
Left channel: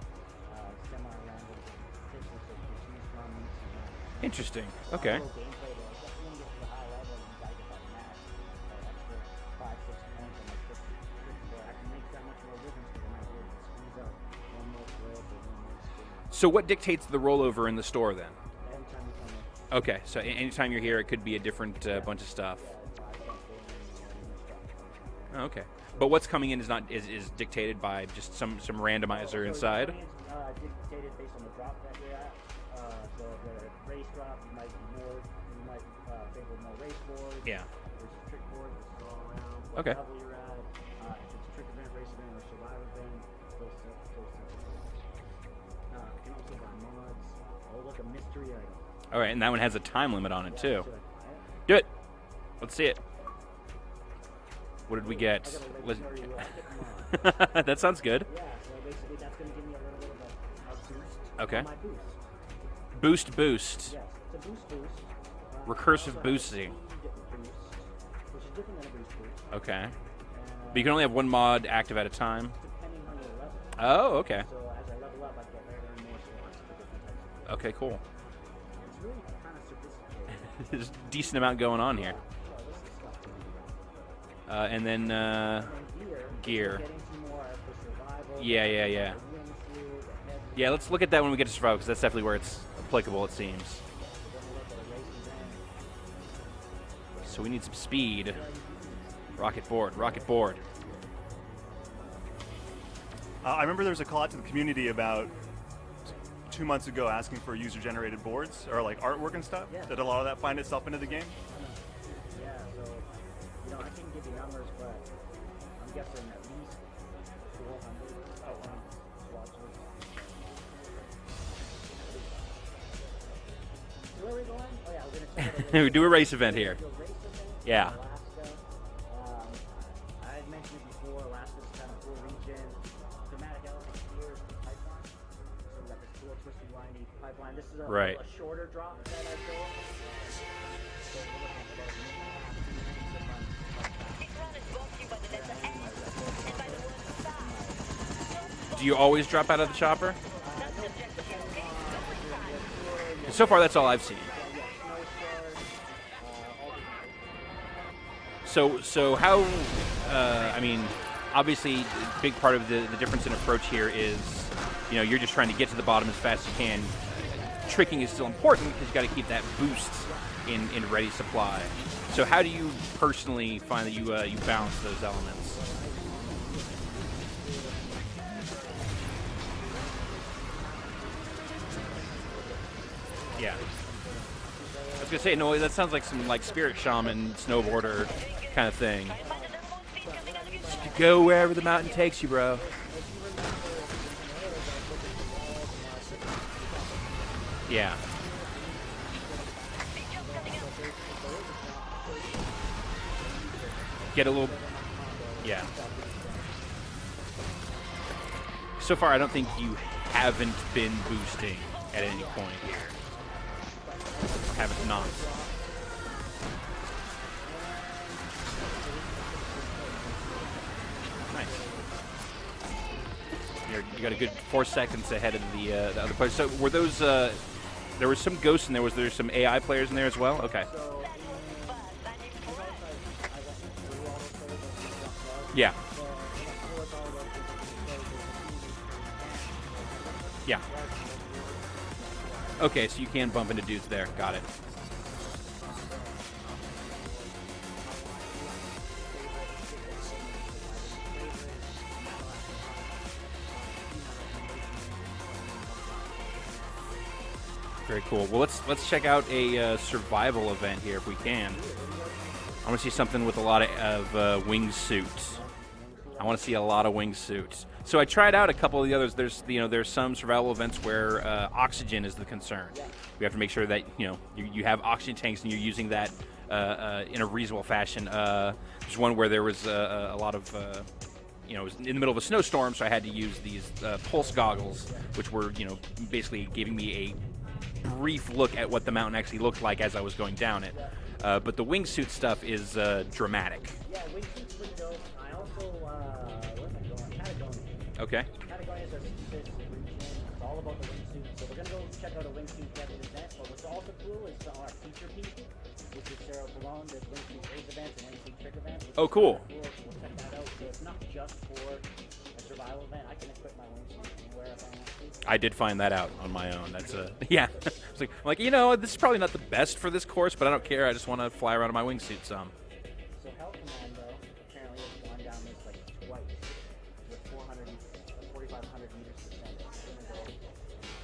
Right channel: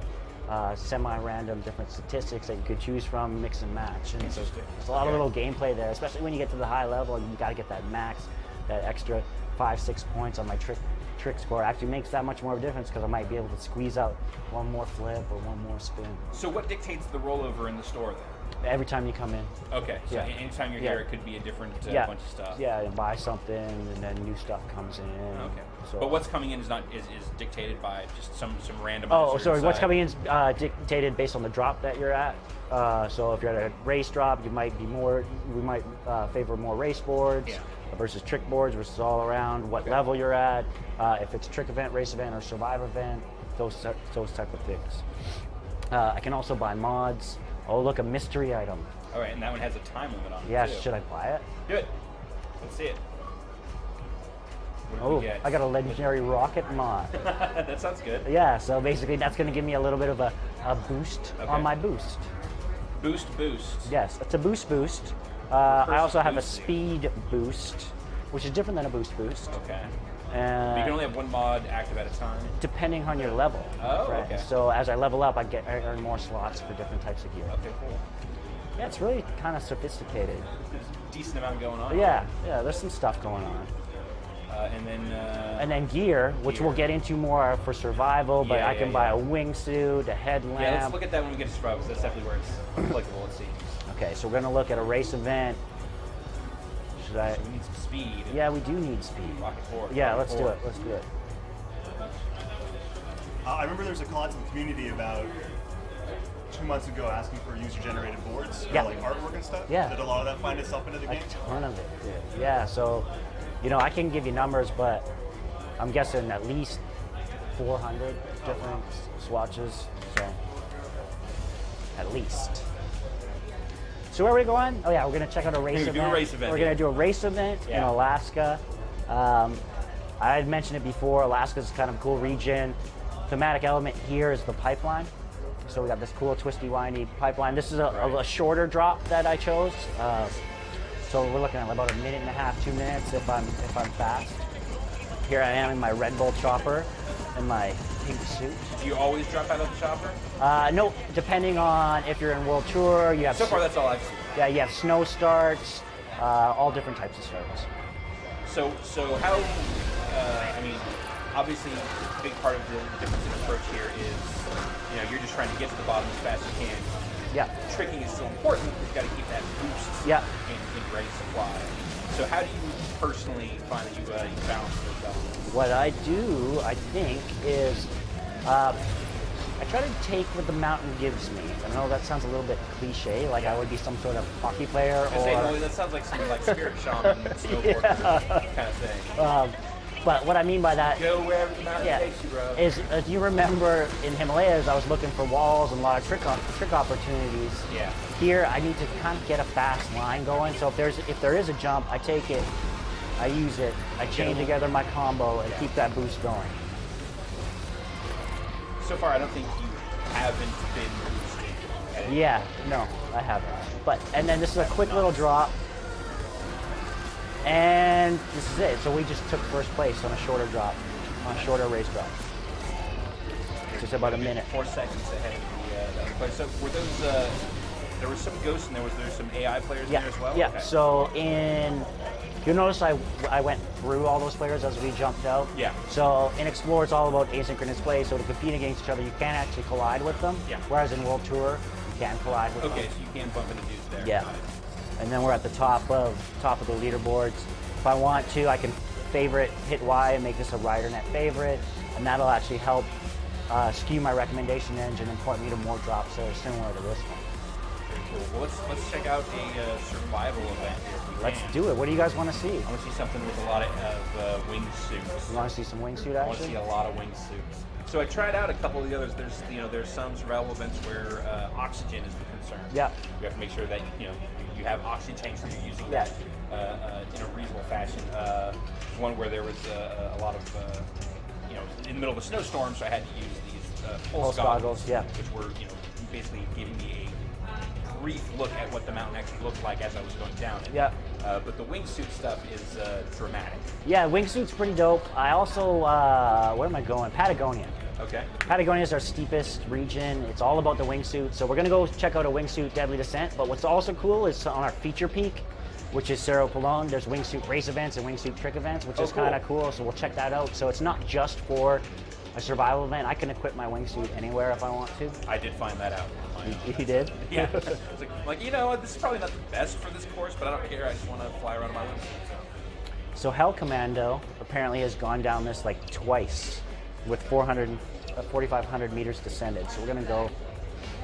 semi-random different statistics that you could choose from, mix and match. And Interesting. There's a lot of little gameplay there, especially when you get to the high level. You got to get that max, that extra 5-6 points on my trick score. Actually makes that much more of a difference because I might be able to squeeze out one more flip or one more spin. So what dictates the rollover in the store then? Every time you come in. Okay, so anytime you're here, it could be a different bunch of stuff. Yeah, and buy something, and then new stuff comes in. Okay, so, but what's coming in is dictated by just some randomizer. Oh, sorry. What's coming in is dictated based on the drop that you're at. So if you're at a race drop, we might favor more race boards versus trick boards versus all around. What level you're at? If it's a trick event, race event, or survive event, those type of things. I can also buy mods. Oh, look, a mystery item. All right, and that one has a time limit on it, too. Yeah, should I buy it? Do it. Let's see it. What did we get? I got a legendary rocket mod. That sounds good. Yeah, so basically that's going to give me a little bit of a boost on my boost. Boost. Yes, it's a boost. I also have a speed boost, which is different than a boost. Okay. But you can only have one mod active at a time? Depending on your level. Oh, okay. So as I level up, I earn more slots for different types of gear. Okay, cool. Yeah, it's really kind of sophisticated. There's a decent amount going on. Yeah, there's some stuff going on. And then gear, which we'll get into more for survival, but I can buy a wingsuit, a headlamp. Yeah, let's look at that when we get to survival, because that's definitely where it's applicable, it seems. Okay, so we're going to look at a race event. So we need some speed. Yeah, we do need speed. Rocket board. Yeah, rocket let's board. do it. Let's do it. I remember there was a call out to the community about 2 months ago asking for user-generated boards or like artwork and stuff. Yeah. Did a lot of that find itself into the game? A ton of it did. Yeah, so, I can give you numbers, but I'm guessing at least 400 different swatches. So, at least. So where are we going? Oh yeah, we're gonna check out a race event. Do a race event. We're gonna do a race event in Alaska. I had mentioned it before. Alaska's kind of a cool region. Thematic element here is the pipeline. So we got this cool twisty, windy pipeline. This is a shorter drop that I chose. So we're looking at about 1.5 minutes, 2 minutes if I'm fast. Here I am in my Red Bull chopper in my pink suit. Do you always drop out of the chopper? No, depending on if you're in World Tour. You have so far, that's all I've seen. Yeah, you have snow starts, all different types of starts. So how? I mean, obviously, a big part of the difference in approach here is, you're just trying to get to the bottom as fast as you can. Yeah. Tricking is still important. You've got to keep that boost in ready supply. So how do you personally find that you balance those elements? What I do, I think, is I try to take what the mountain gives me. I know that sounds a little bit cliche, like I would be some sort of hockey player. I was gonna say, no, that sounds like some spirit shaman, snowboarder kind of thing. But what I mean by that, go wherever the mountain takes you, bro. Is if you remember in Himalayas, I was looking for walls and a lot of trick opportunities. Yeah. Here, I need to kind of get a fast line going. So if there is a jump, I take it, I use it, I chain together my combo and keep that boost going. So far, I don't think you haven't been boosting at any point. No, I haven't. And then this is a quick little drop. And this is it. So we just took first place on a shorter drop, on a shorter race drop. Just about a minute. 4 seconds ahead of the other player. So were those there was some ghosts and there's some AI players in there as well? Yeah, Okay. so you'll notice I went through all those players as we jumped out. Yeah. So in Explore, it's all about asynchronous play, so to compete against each other, you can't actually collide with them. Yeah. Whereas in World Tour, you can collide with them. Okay, so you can bump into dudes there. Yeah. Got it. And then we're at the top of the leaderboards. If I want to, I can favorite, hit Y and make this a rider net favorite, and that'll actually help skew my recommendation engine and point me to more drops similar to this one. Very cool. Well, let's check out a survival event here if we can. Let's do it. What do you guys want to see? I want to see something with a lot of wingsuits. You want to see some wingsuit action? I want to see a lot of wingsuits. So I tried out a couple of the others. There's some survival events where oxygen is the concern. Yeah. We have to make sure that you have oxygen tanks and you're using that in a reasonable fashion. There's one where there was a lot of it was in the middle of a snowstorm, so I had to use these pulse goggles, which were basically giving me a brief look at what the mountain actually looked like as I was going down it. Yeah. But the wingsuit stuff is dramatic. Yeah, wingsuit's pretty dope. I also, where am I going? Patagonia. Okay. Patagonia is our steepest region. It's all about the wingsuit. So we're gonna go check out a wingsuit deadly descent. But what's also cool is on our feature peak, which is Cerro Pelon, there's wingsuit race events and wingsuit trick events, which is kind of cool. So we'll check that out. So it's not just for a survival event. I can equip my wingsuit anywhere if I want to. I did find that out on my own. You did? Yeah. I was like, this is probably not the best for this course, but I don't care. I just want to fly around in my wingsuit. So Hell Commando apparently has gone down this like twice with 4,500 meters descended. So we're gonna go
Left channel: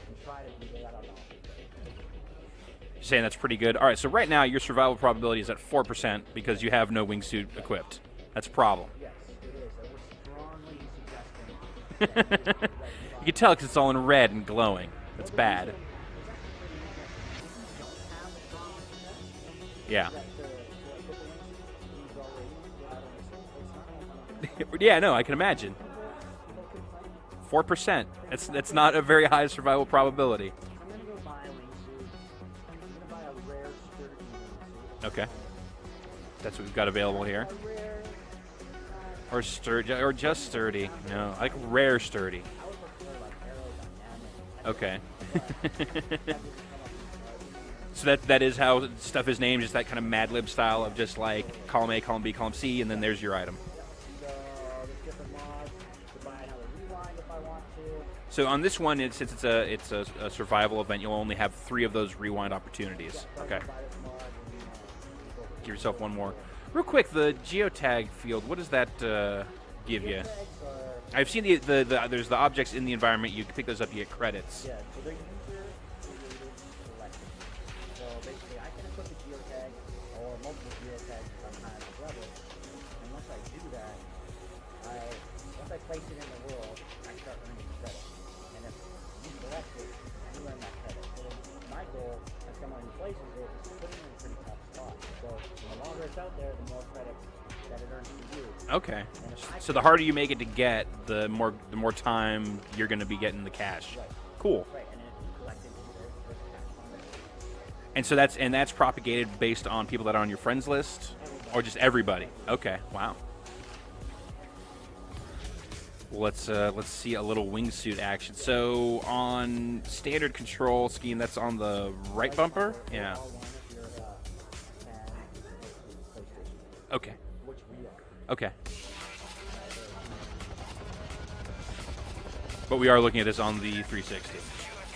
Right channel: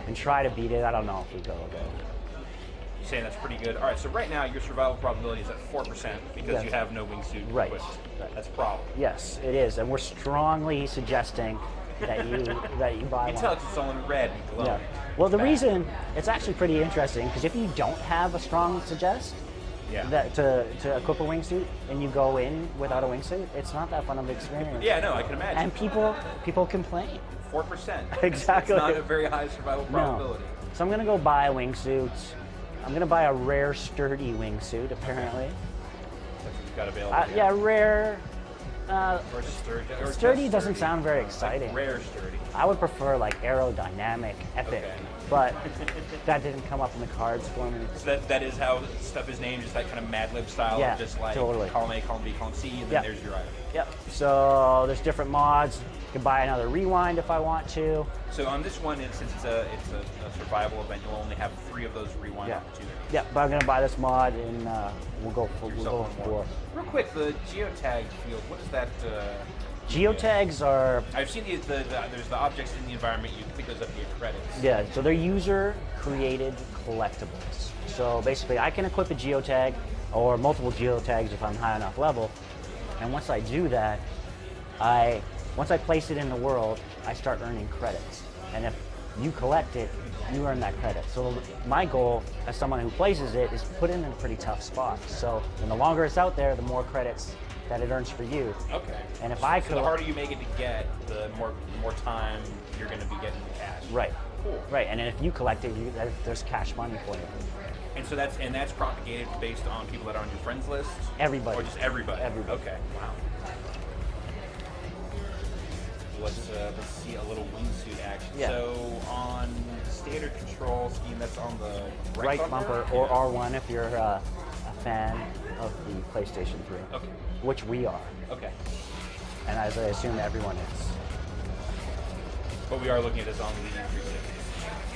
and try to beat it. I don't know if we go though. You're saying that's pretty good. All right, so right now your survival probability is at 4% because you have no wingsuit equipped. Right. That's a problem. Yes, it is, and we're strongly suggesting that you buy. You tell because it's all in red and glowing. Yeah. Well, the reason it's actually pretty interesting because if you don't have a strong suggest, that to equip a wingsuit and you go in without a wingsuit, it's not that fun of an experience. Yeah, no, I can imagine. And people complain. 4%. Exactly. It's not a very high survival probability. No. So I'm gonna go buy a wingsuit. I'm gonna buy a rare sturdy wingsuit, apparently. Okay. That's what we've got available here. Yeah, rare. Or sturdy, or sturdy just sturdy. Doesn't sound very exciting. Like rare sturdy. I would prefer like aerodynamic, epic. Okay. But that didn't come up in the cards for me. So that is how stuff is named, just that kind of Mad Lib style of just like column A, column B, column C, and then there's your item. Yep. So there's different mods. You can buy another rewind if I want to. So on this one, it's a survival event. You'll only have 3 of those rewind opportunities. Yeah, but I'm gonna buy this mod and we'll go. Give yourself one more. Real quick, the geotag field. What is that? Geotags are. I've seen there's the objects in the environment. You can pick those up to get credits. Yeah. So they're user-created collectibles. So basically, I can equip a geotag or multiple geotags if I'm high enough level, and once I do that, once I place it in the world, I start earning credits. And if you collect it, you earn that credit. So my goal as someone who places it is put it in a pretty tough spot. So the longer it's out there, the more credits that it earns for you. Okay. And if so the harder you make it to get, the more time you're going to be getting the cash. Right. Cool. Right. And then if you collect it, there's cash money for you. And so that's propagated based on people that are on your friends list? Everybody. Or just everybody? Everybody. Okay. Wow. Let's see a little wingsuit action. Yeah. So on standard control scheme, that's on the right bumper? Or R1 if you're a fan of the PlayStation 3. Okay. Which we are. Okay. And as I assume everyone is. But we are looking at this on the 360.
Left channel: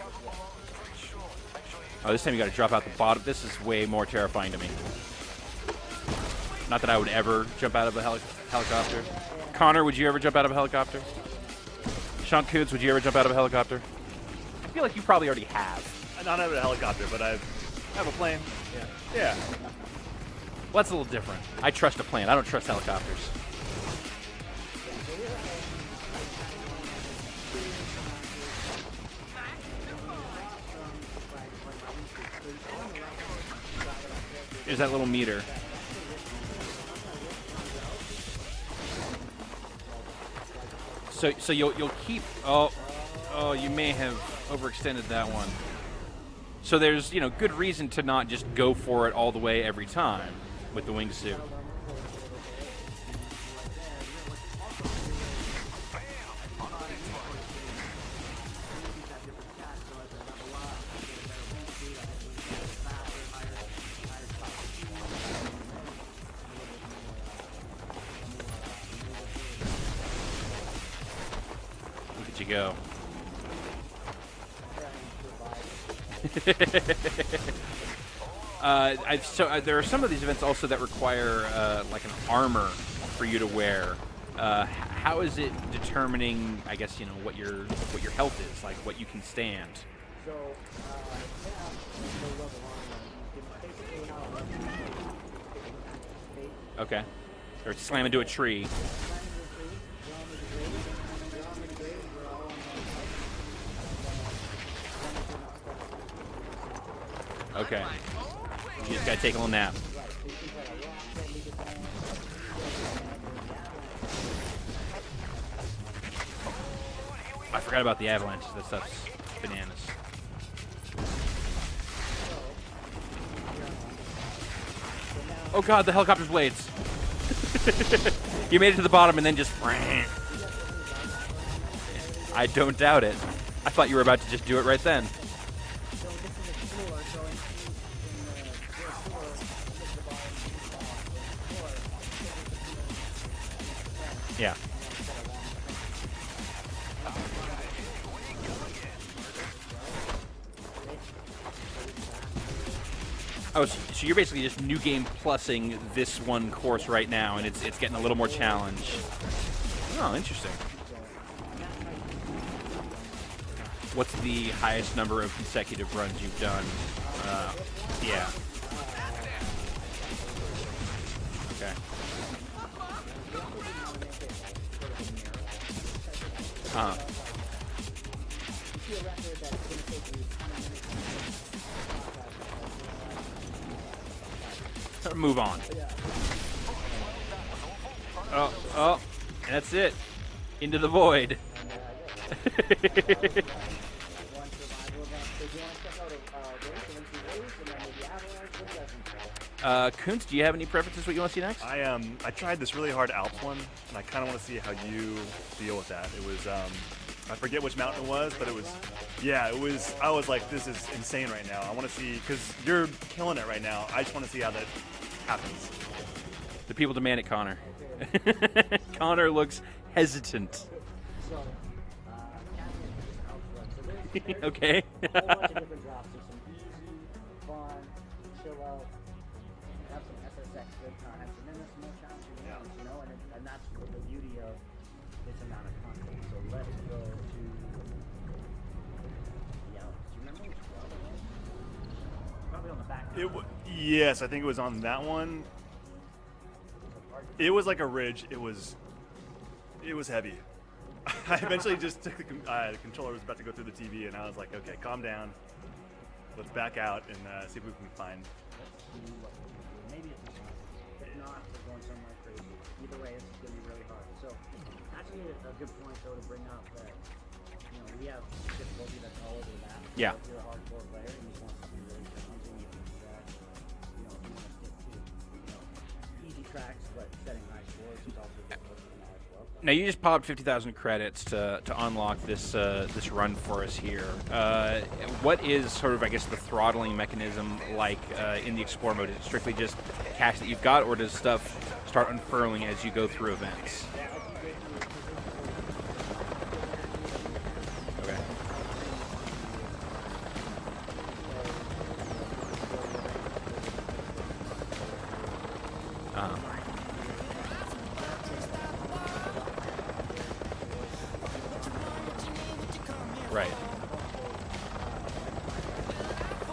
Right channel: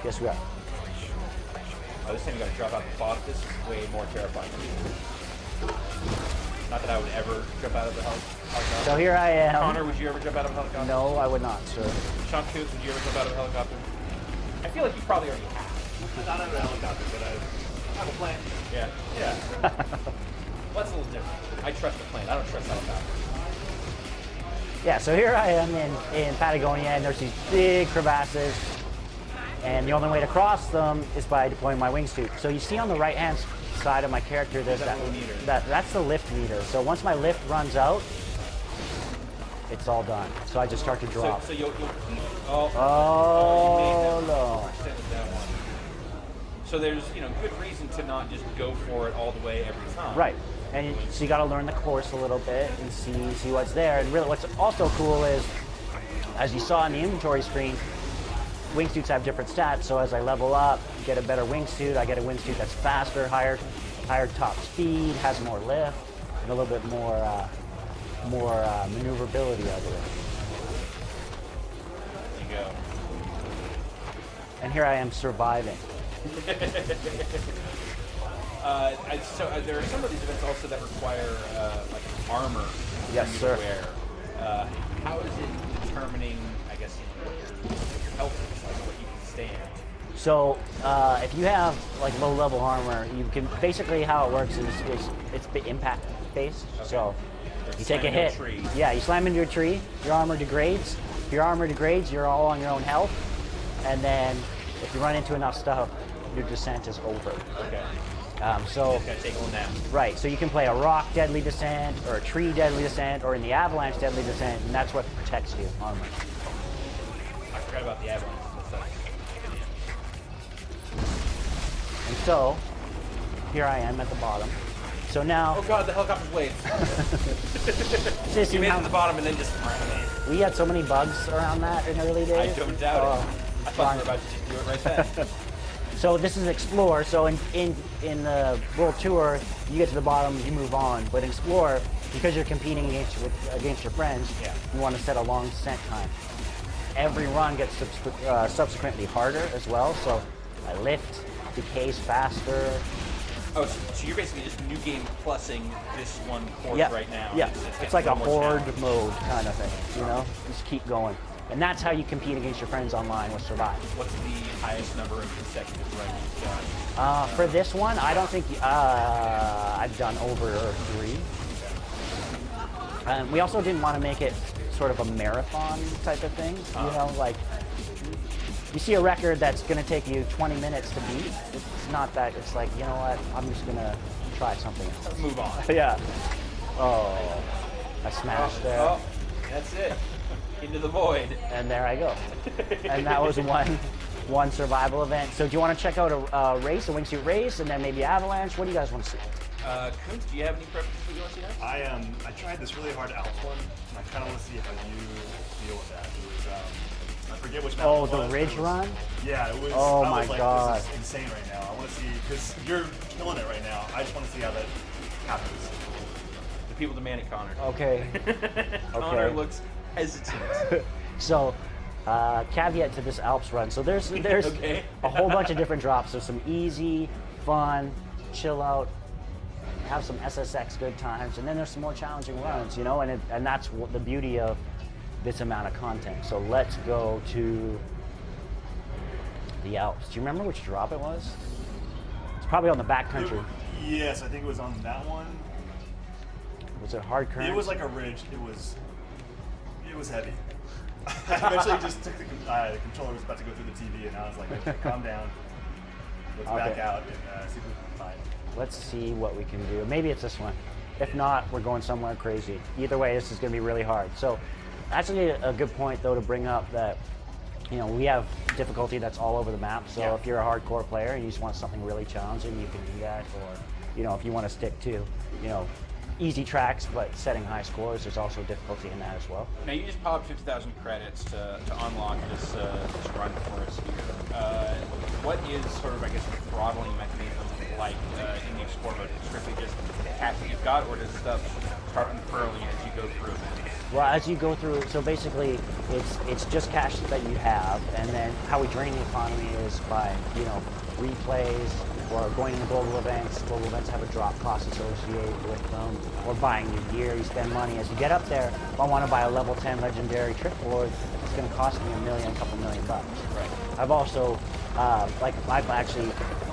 Yes, we are. Oh, this time you got to drop out the bottom. This is way more terrifying to me. Not that I would ever jump out of a helicopter. So here I am. Connor, would you ever jump out of a helicopter? No, I would not, sir. Sean Coots, would you ever jump out of a helicopter? I feel like you probably already have. Not out of a helicopter, but I have a plane. Yeah. Well, that's a little different. I trust a plane. I don't trust helicopters. Yeah, so here I am in Patagonia, and there's these big crevasses, and the only way to cross them is by deploying my wingsuit. So you see on the right-hand side of my character, there's that little meter. That's the lift meter. So once my lift runs out, it's all done. So I just start to drop. So you'll keep. Oh, you may have overextended that one. So there's good reason to not just go for it all the way every time. Right. And so you got to learn the course a little bit and see what's there. And really, what's also cool is, as you saw on the inventory screen, wingsuits have different stats. So as I level up, get a better wingsuit, I get a wingsuit that's faster, higher top speed, has more lift, and a little bit more maneuverability out of There you go. it. And here I am surviving. There are some of these events also that require like an armor Yes, for you sir. to wear. How is it determining, I guess, what your health is, like what you can stand? So if you have like low level armor, you can basically how it works is it's impact based. Okay. So Or if you you slam take into a hit. tree. Yeah, you slam into a tree, your armor degrades. If your armor degrades, you're all on your own health. And then if you run into enough stuff, your descent is over. Okay. So You just gotta take a little nap. right, so you can play a rock deadly descent, or a tree deadly descent, or in the avalanche deadly descent, and that's what protects you, armor. I forgot about the avalanche. That's bananas. And so here I am at the bottom. So now Oh god, the helicopter's blades. this You is made it how- to the bottom and then just. we had so many bugs around that in early days. I don't doubt it. Oh. I thought you were about to just do it right then. So this is Explore. So in the World Tour, you get to the bottom, you move on. But in Explore, because you're competing against your friends, Yeah. you want to set a long descent time. Every run gets subsequently harder as well. So I lift, decays faster. Oh, so you're basically just new game plussing this one course Yeah. right now. Yeah. And it's getting like a little more horde challenging. mode kind of thing. You Oh, know? interesting. Just keep going. And that's how you compete against your friends online with Survive. What's the highest number of consecutive runs you've done? For this one, I don't think I've done over 3. Okay. We also didn't want to make it sort of a marathon type of thing. So, you know, like you see a record that's going to take you 20 minutes to beat. It's not that. It's like, you know what? I'm just going to try something. Move on. Yeah. Oh, I smashed it. Oh, that's it. Into the void. And there I go. And that was one survival event. So do you want to check out a wingsuit race, and then maybe avalanche? What do you guys want to see? Kuntz, do you have any preferences what you want to see next? I tried this really hard Alps one, and I kind of want to see how you deal with that. It was I forget which mountain it was. The but ridge it was, run? Yeah, it was. Oh I was my like, God. this is insane right now. I want to see because you're killing it right now. I just want to see how that happens. The people demand it, Connor. Okay. Connor Okay. looks hesitant. So, caveat to this Alps run. So there's Okay. a whole bunch of different drops. So some easy, fun, chill out, have some SSX good times, and then there's some more challenging runs, you know. And that's the beauty of this amount of content. So let's go to the Alps. Do you remember which drop it was? It's probably on the backcountry. Yes, I think it was on that one. Was it hard current? It was like a ridge. It was heavy. I eventually just took the controller was about to go through the TV, and I was like, okay, calm down. Let's back Okay. out and see if we can find. Let's see what we can do. Maybe it's this one. If not, we're going somewhere crazy. Either way, this is going to be really hard. So, actually, a good point though to bring up that, you know, we have difficulty that's all over the map. So Yeah. if you're a hardcore player and you just want something really challenging, you can do that. Or, you know, if you want to stick to, you know, easy tracks but setting high scores, there's also difficulty in that as well. Now you just popped 50,000 credits to unlock this this run for us here. What is sort of, I guess, the throttling mechanism like in the Explore mode? Is it strictly just cash that you've got, or does stuff start unfurling as you go through events? Well, as you go through, so basically, it's just cash that you have, and then how we drain the economy is by, you know, replays, or going to global events. Global events have a drop cost associated with them, or buying new gear. You spend money. As you get up there, if I want to buy a level 10 legendary trick board, it's going to cost me a couple million bucks. Right. I've also, I've actually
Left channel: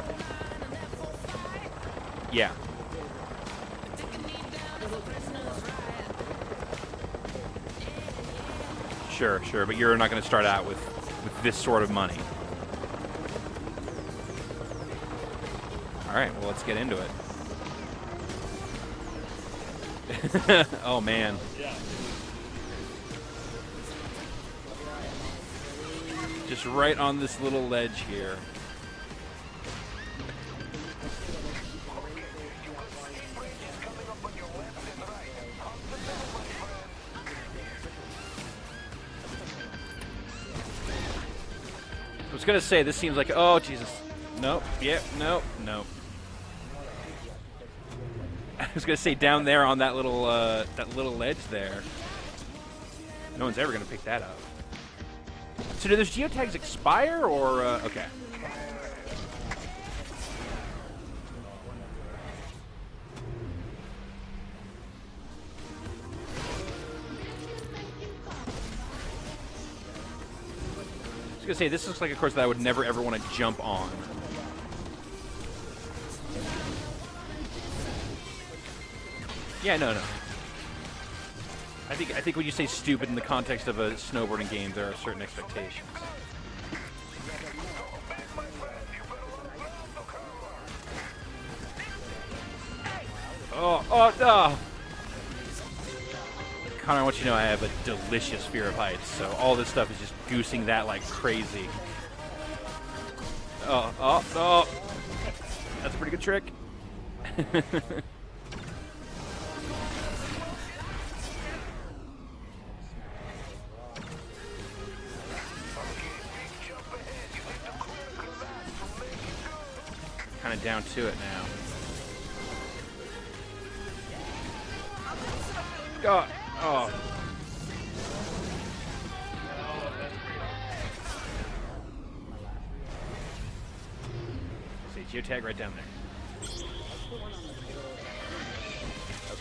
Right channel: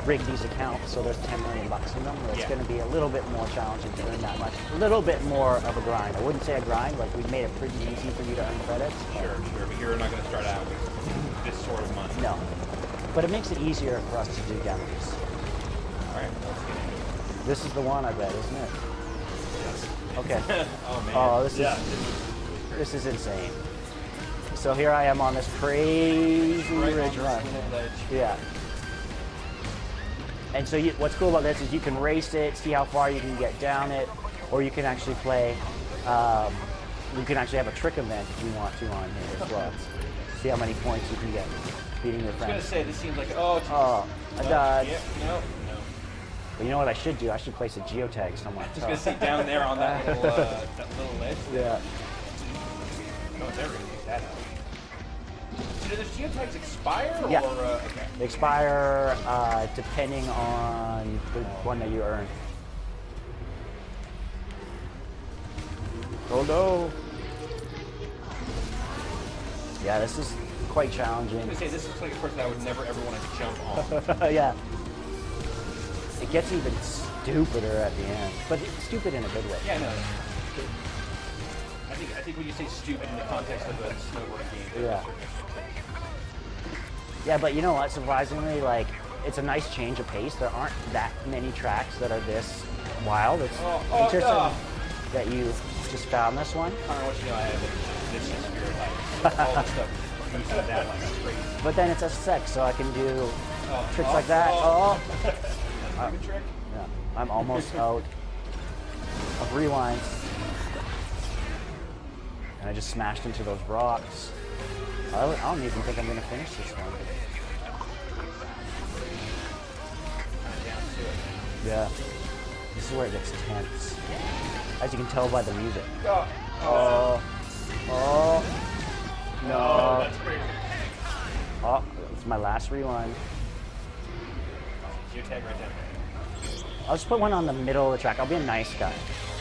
rigged these accounts, so there's 10 million bucks in them. It's Yeah. going to be a little bit more challenging to earn that much. A little bit more of a grind. I wouldn't say a grind, like we've made it pretty easy for you to earn credits. Sure, but you're not going to start out with this sort of money. No. But it makes it easier for us to do demos. All right, well, let's get into it. This is the one, I bet, isn't it? Okay. Oh man. Oh, this is insane. So here I am on this crazy Just right on ridge this run. little ledge. Yeah. And so what's cool about this is you can race it, see how far you can get down it, or you can actually play, you can actually have a trick event if you want to on here as well. See how many points you can get. beating you. I was gonna say this seems like Jesus. Oh, I no, died. yeah, no. But you know what I should do? I should place a geotag somewhere. I was gonna say down there on that little ledge there. Yeah. No one's ever gonna pick that up. So do those geotags expire or Yeah. okay? They expire depending on the one that you earn. Oh no! Yeah, this is quite challenging. I was gonna say this looks like a course that I would never ever want to jump on. Yeah. It gets even stupider at the end, but it's stupid in a good way. Yeah, no. I think when you say stupid in the context of a snowboarding game, there are certain expectations. Yeah, but you know what? Surprisingly, like, it's a nice change of pace. There aren't that many tracks that are this wild. It's interesting that you just found this one. Connor, I want you to know I have a delicious fear of heights. So all this stuff is just goosing that like crazy. But then it's SSX, so I can do tricks like that. That's a pretty good trick. Yeah, I'm almost out of rewind. And I just smashed into those rocks. I don't even think I'm going to finish this one. Kind of down to it now. Yeah. This is where it gets tense. As you can tell by the music. Oh. No. Oh, it's my last rewind. See, geotag right down there. I'll just put one on the middle of the track. I'll be a nice guy.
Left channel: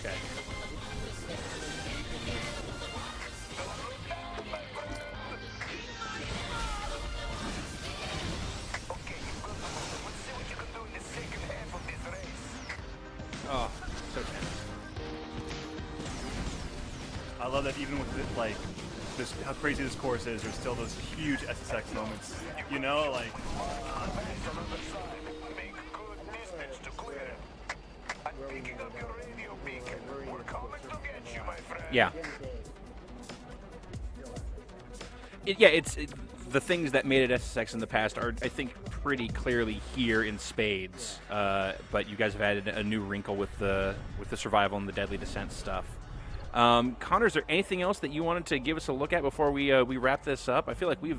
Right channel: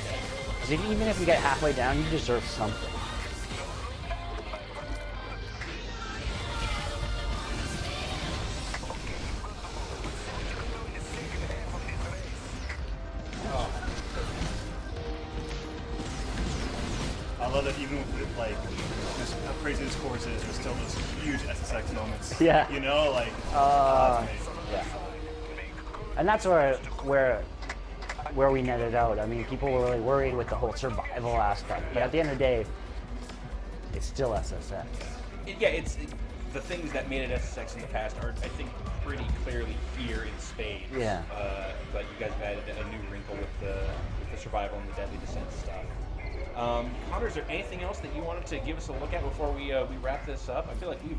Okay. Because even if you get halfway down, you deserve something. I love that even with like just how crazy this course is, there's still those huge SSX moments. Yeah. You know, like. And that's where we netted out. I mean, people were really worried with the whole survival aspect. But Yeah. at the end of the day, it's still SSX. It's the things that made it SSX in the past are, I think, pretty clearly here in spades. Yeah. But you guys have added a new wrinkle with the survival and the deadly descent stuff. Connor, is there anything else that you wanted to give us a look at before we wrap this up? I feel like you've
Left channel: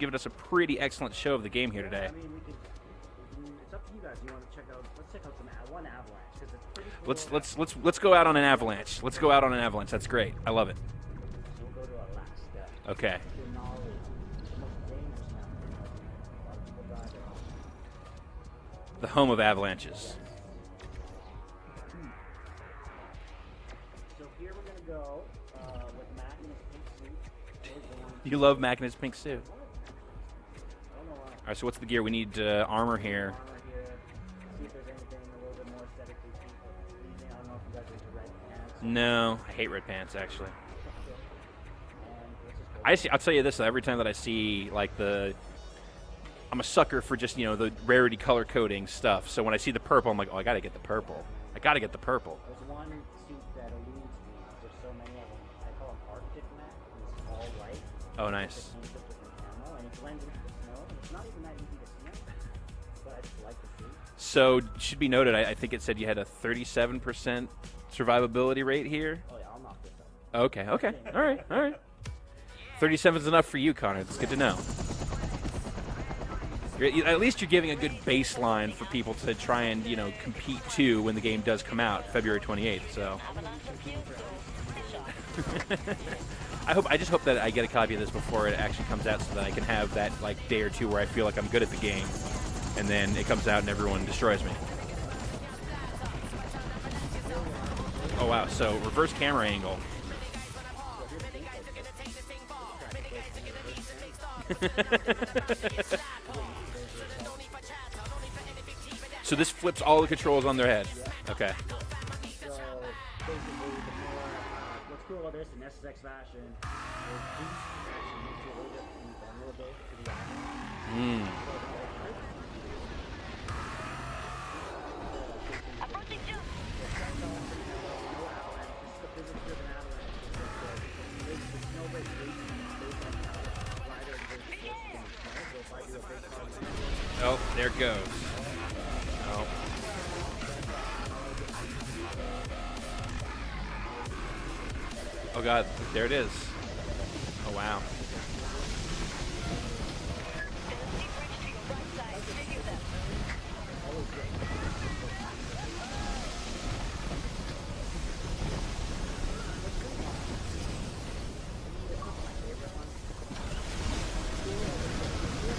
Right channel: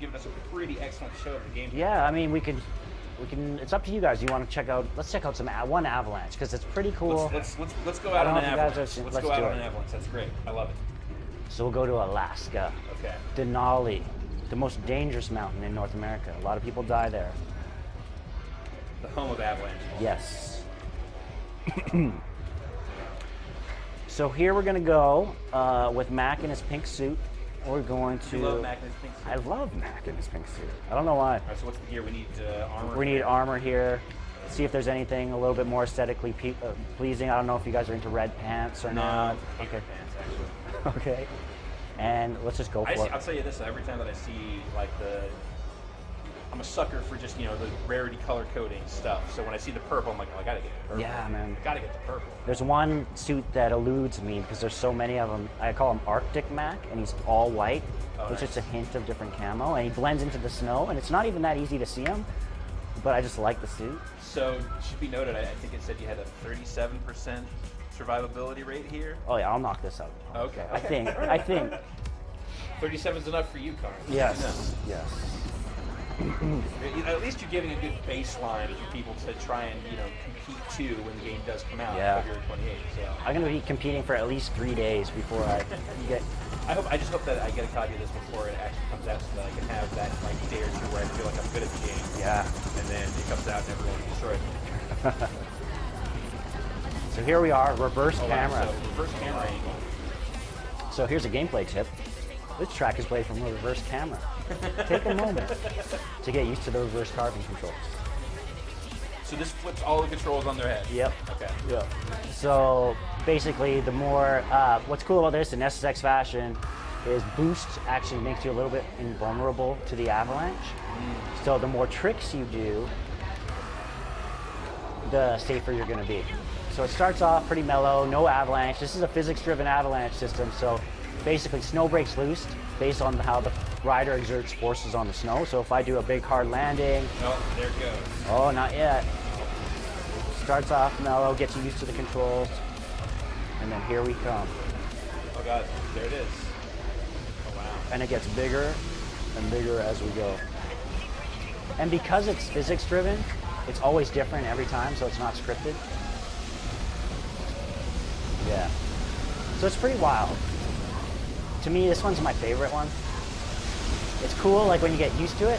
given us a pretty excellent show of the game here. Yeah, today. I mean, we can. It's up to you guys. You want to check out? Let's check out one avalanche because it's pretty cool. Let's go out on an I don't know if you guys avalanche. have- Let's let's go out do on it. an avalanche. That's great. I love it. So we'll go to Alaska. Okay. Denali, the most dangerous mountain in North America. A lot of people die there. The home of avalanches. Yes. So here we're gonna go with Mac in his pink suit. We're going to. You love Mac in his pink suit? I love Mac in his pink suit. I don't know why. All right, so what's the gear? We need armor We here. need armor here. See if there's anything a little bit more aesthetically pleasing. I don't know if you guys are into red pants or No, not. hate red pants actually. Okay. And let's just go for I'll it. tell you this: every time that I see like I'm a sucker for just the rarity color coding stuff. So when I see the purple, I'm like, oh, I gotta get the purple. Yeah, man. I gotta get the purple. There's one suit that eludes me because there's so many of them. I call him Arctic Mac, and he's all white. Oh, it's nice. just a hint of different camo, and he blends into the snow, and it's not even that easy to see him, but I just like the suit. So should be noted, I think it said you had a 37% survivability rate here. Oh yeah, I'll knock this out. Okay. I think. All right, I think. all right. 37 is enough for you, Connor. It's Yes. good to know. Yes. At least you're giving a good baseline for people to try and compete to when the game does come out, Yeah. February 28th. So I'm gonna be competing for at least 3 days before I get. I just hope that I get a copy of this before it actually comes out, so that I can have that like day or two where I feel like I'm good at the game. Yeah. And then it comes out and everyone destroys me. So here we are, reverse Oh wow! camera. So reverse camera angle. So here's a gameplay tip. This track is played from a reverse camera. Take a moment to get used to the reverse carbon controls. So this flips all the controls on their head. Yep. Okay. Yep. So basically, the more what's cool about this in SSX fashion is boost actually makes you a little bit invulnerable to the avalanche. So the more tricks you do, the safer you're going to be. So it starts off pretty mellow, no avalanche. This is a physics-driven avalanche system, so basically snow breaks loose based on how the rider exerts forces on the snow. So if I do a big hard landing, Oh, there it goes. oh, not yet. Starts off mellow, gets you used to the controls, and then here we come. Oh god, there it is. Oh wow. And it gets bigger and bigger as we go. And because it's physics driven, it's always different every time, so it's not scripted. Yeah. So it's pretty wild. To me, this one's my favorite one. It's cool, like when you get used to it.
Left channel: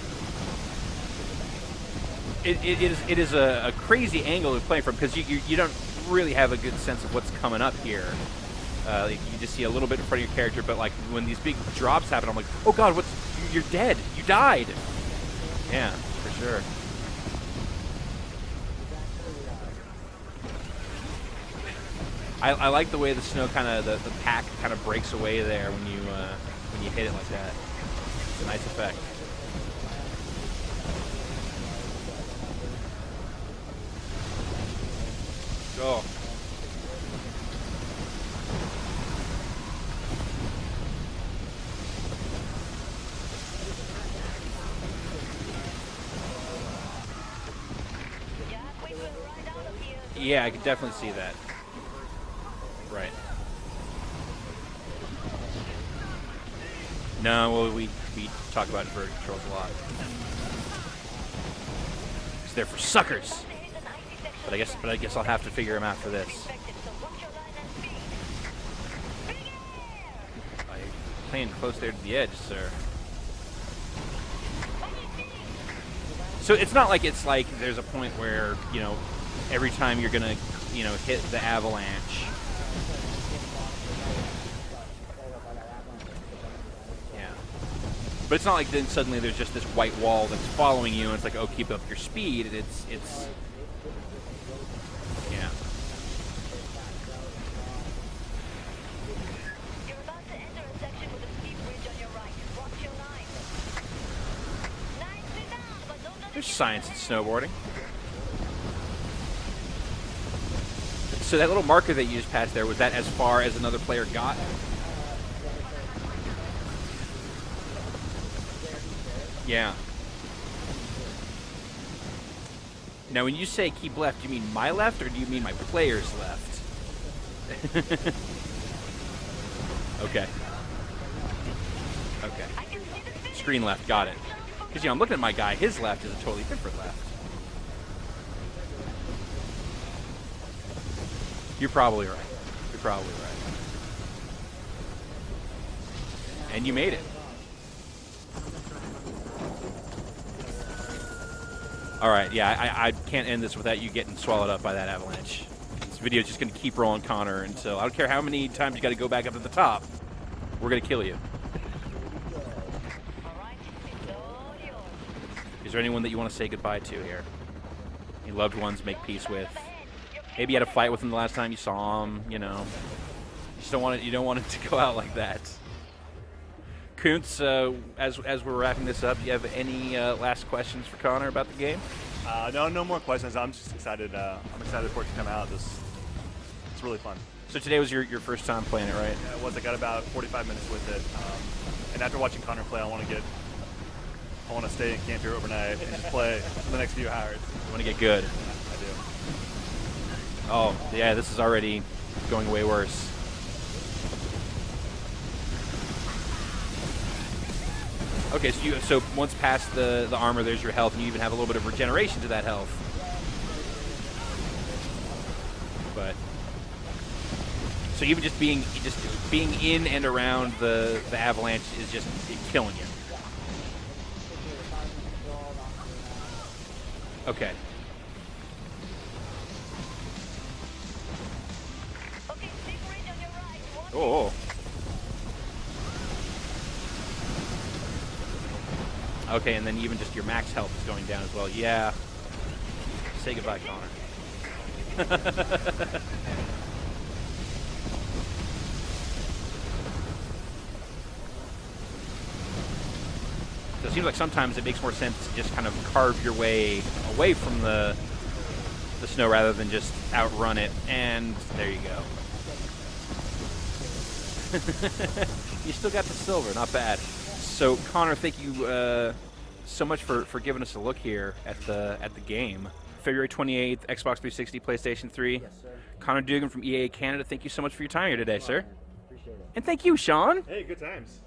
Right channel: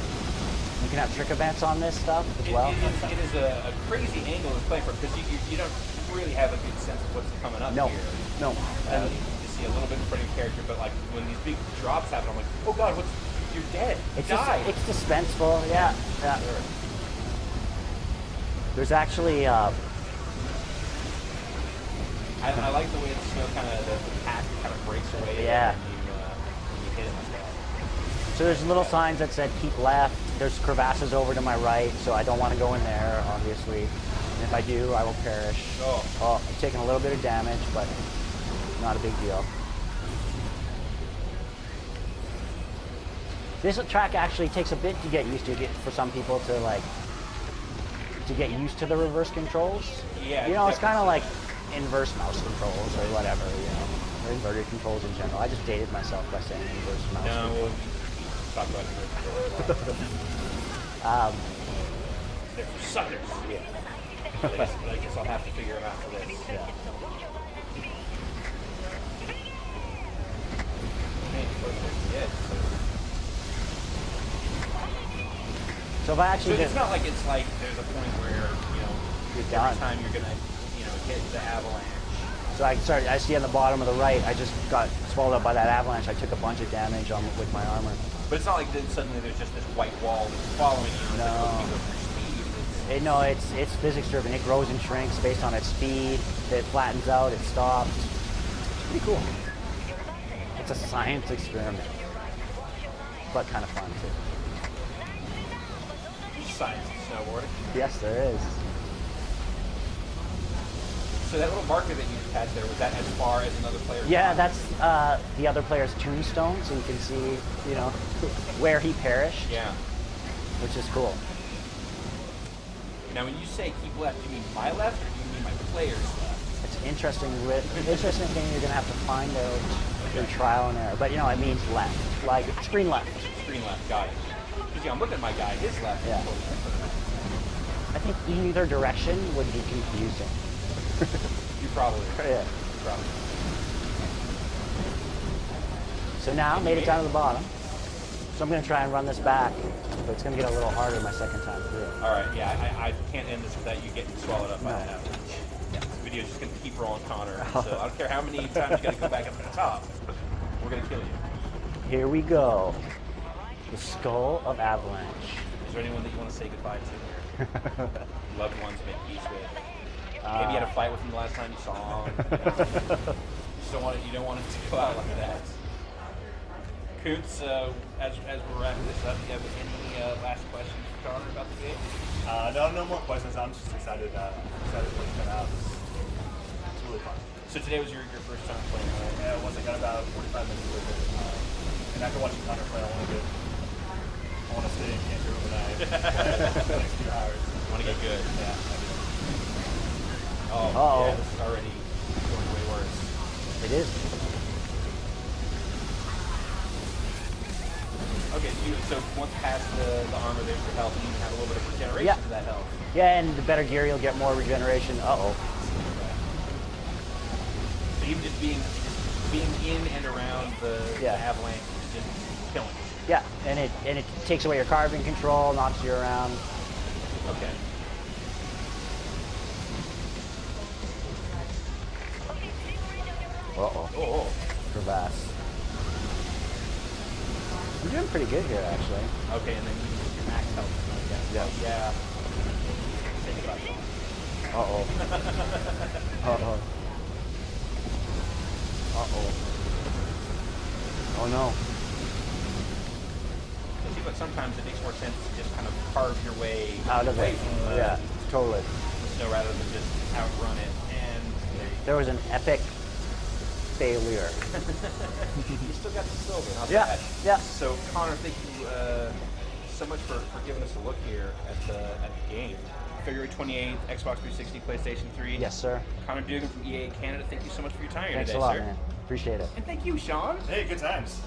You can have trick events on this stuff as well. It is a crazy angle to play from, because you don't really have a good sense of what's coming up here. No. You just see a little bit in front of your character, but like when these big drops happen, I'm like, oh god, you're dead. You died. It's suspenseful. Yeah. Sure. There's actually. I like the way the snow the pack kind of breaks away there when you hit it like that. So there's little signs that said keep left. There's crevasses over to my right, so I don't want to go in there, obviously. And if I do, I will perish. Oh, I'm taking a little bit of damage, but not a big deal. This track actually takes a bit to get used to for some people to get used to the reverse controls. Yeah, it's kind of like inverse mouse controls or whatever. Inverted controls in general. I just dated myself by saying inverse mouse. No, well, we talk about inverted controls a lot. It's there for suckers. But I guess I'll have to figure them out for this. Playing close there to the edge, sir. So it's not like it's like there's a point where every time you're gonna hit the avalanche. So I see on the bottom of the right, I just got swallowed up by that avalanche. I took a bunch of damage with my armor. But it's not like then suddenly there's just this white wall that's following you, and it's like, oh, keep up your speed. It's physics driven. It grows and shrinks based on its speed. It flattens out. It stops. Pretty cool. It's a science experiment, but kind of fun. There's science in snowboarding. Yes, there is. So that little marker that you just passed there, was that as far as another player got? Yeah, that's the other player's tombstone, so you can see, where he perished. Yeah. Which is cool. Now, when you say keep left, do you mean my left, or do you mean my player's left? It's interesting thing you're going to have to find out trial and error. But, it means left. Like, screen left. Screen left, got it. Because, I'm looking at my guy, his left is totally different. I think either direction would be confusing. You're probably right. Yeah. You're probably right. So now, made it down to the bottom. So I'm going to try and run this back. But it's going to get a little harder my second time through. All right, yeah, I can't end this without you getting swallowed up by that avalanche. Yeah. This video is just going to keep rolling, Connor. And so I don't care how many times you got to go back up to the top. We're going to kill you. Here we go. The Skull of Avalanche. Is there anyone that you want to say goodbye to here? Your loved ones, make peace with. Maybe you had a fight with him the last time you saw him. You don't want it to go out like that. Kuntz, as we're wrapping this up, do you have any last questions for Connor about the game? No more questions. I'm just excited for it to come out. It's really fun. So today was your first time playing it, right? Yeah, once I got about 45 minutes with it, and after watching Connor play, I want to stay in Cantor overnight and play for the next few hours. I want to get good. Yeah, I do. Oh, yeah, this is already going way worse. It is. Okay, so once past the armor, there's your health. You even have a little bit of regeneration to that health. Yeah, and the better gear, you'll get more regeneration. Uh-oh. But, so even just being in and around the avalanche is just killing you. Yeah, and it takes away your carbon control, knocks you around. Okay. Oh. For that. We're doing pretty good here, actually. Okay, and then even just your max health is going down as well. Yeah. Say goodbye, Connor. Uh-oh. Uh-oh. Uh-oh. Oh, no. So it seems like sometimes it makes more sense to just kind of carve your way away from the snow rather than just outrun it. And there you go. There was an epic failure. You still got the silver, not bad. Yeah. So Connor, thank you so much for giving us a look here at the game. February 28th, Xbox 360, PlayStation 3. Yes, sir. Connor Dugan from EA Canada, thank you so much for your time here Thanks today, a lot, sir. man. Appreciate it. And thank you, Sean. Hey, good times.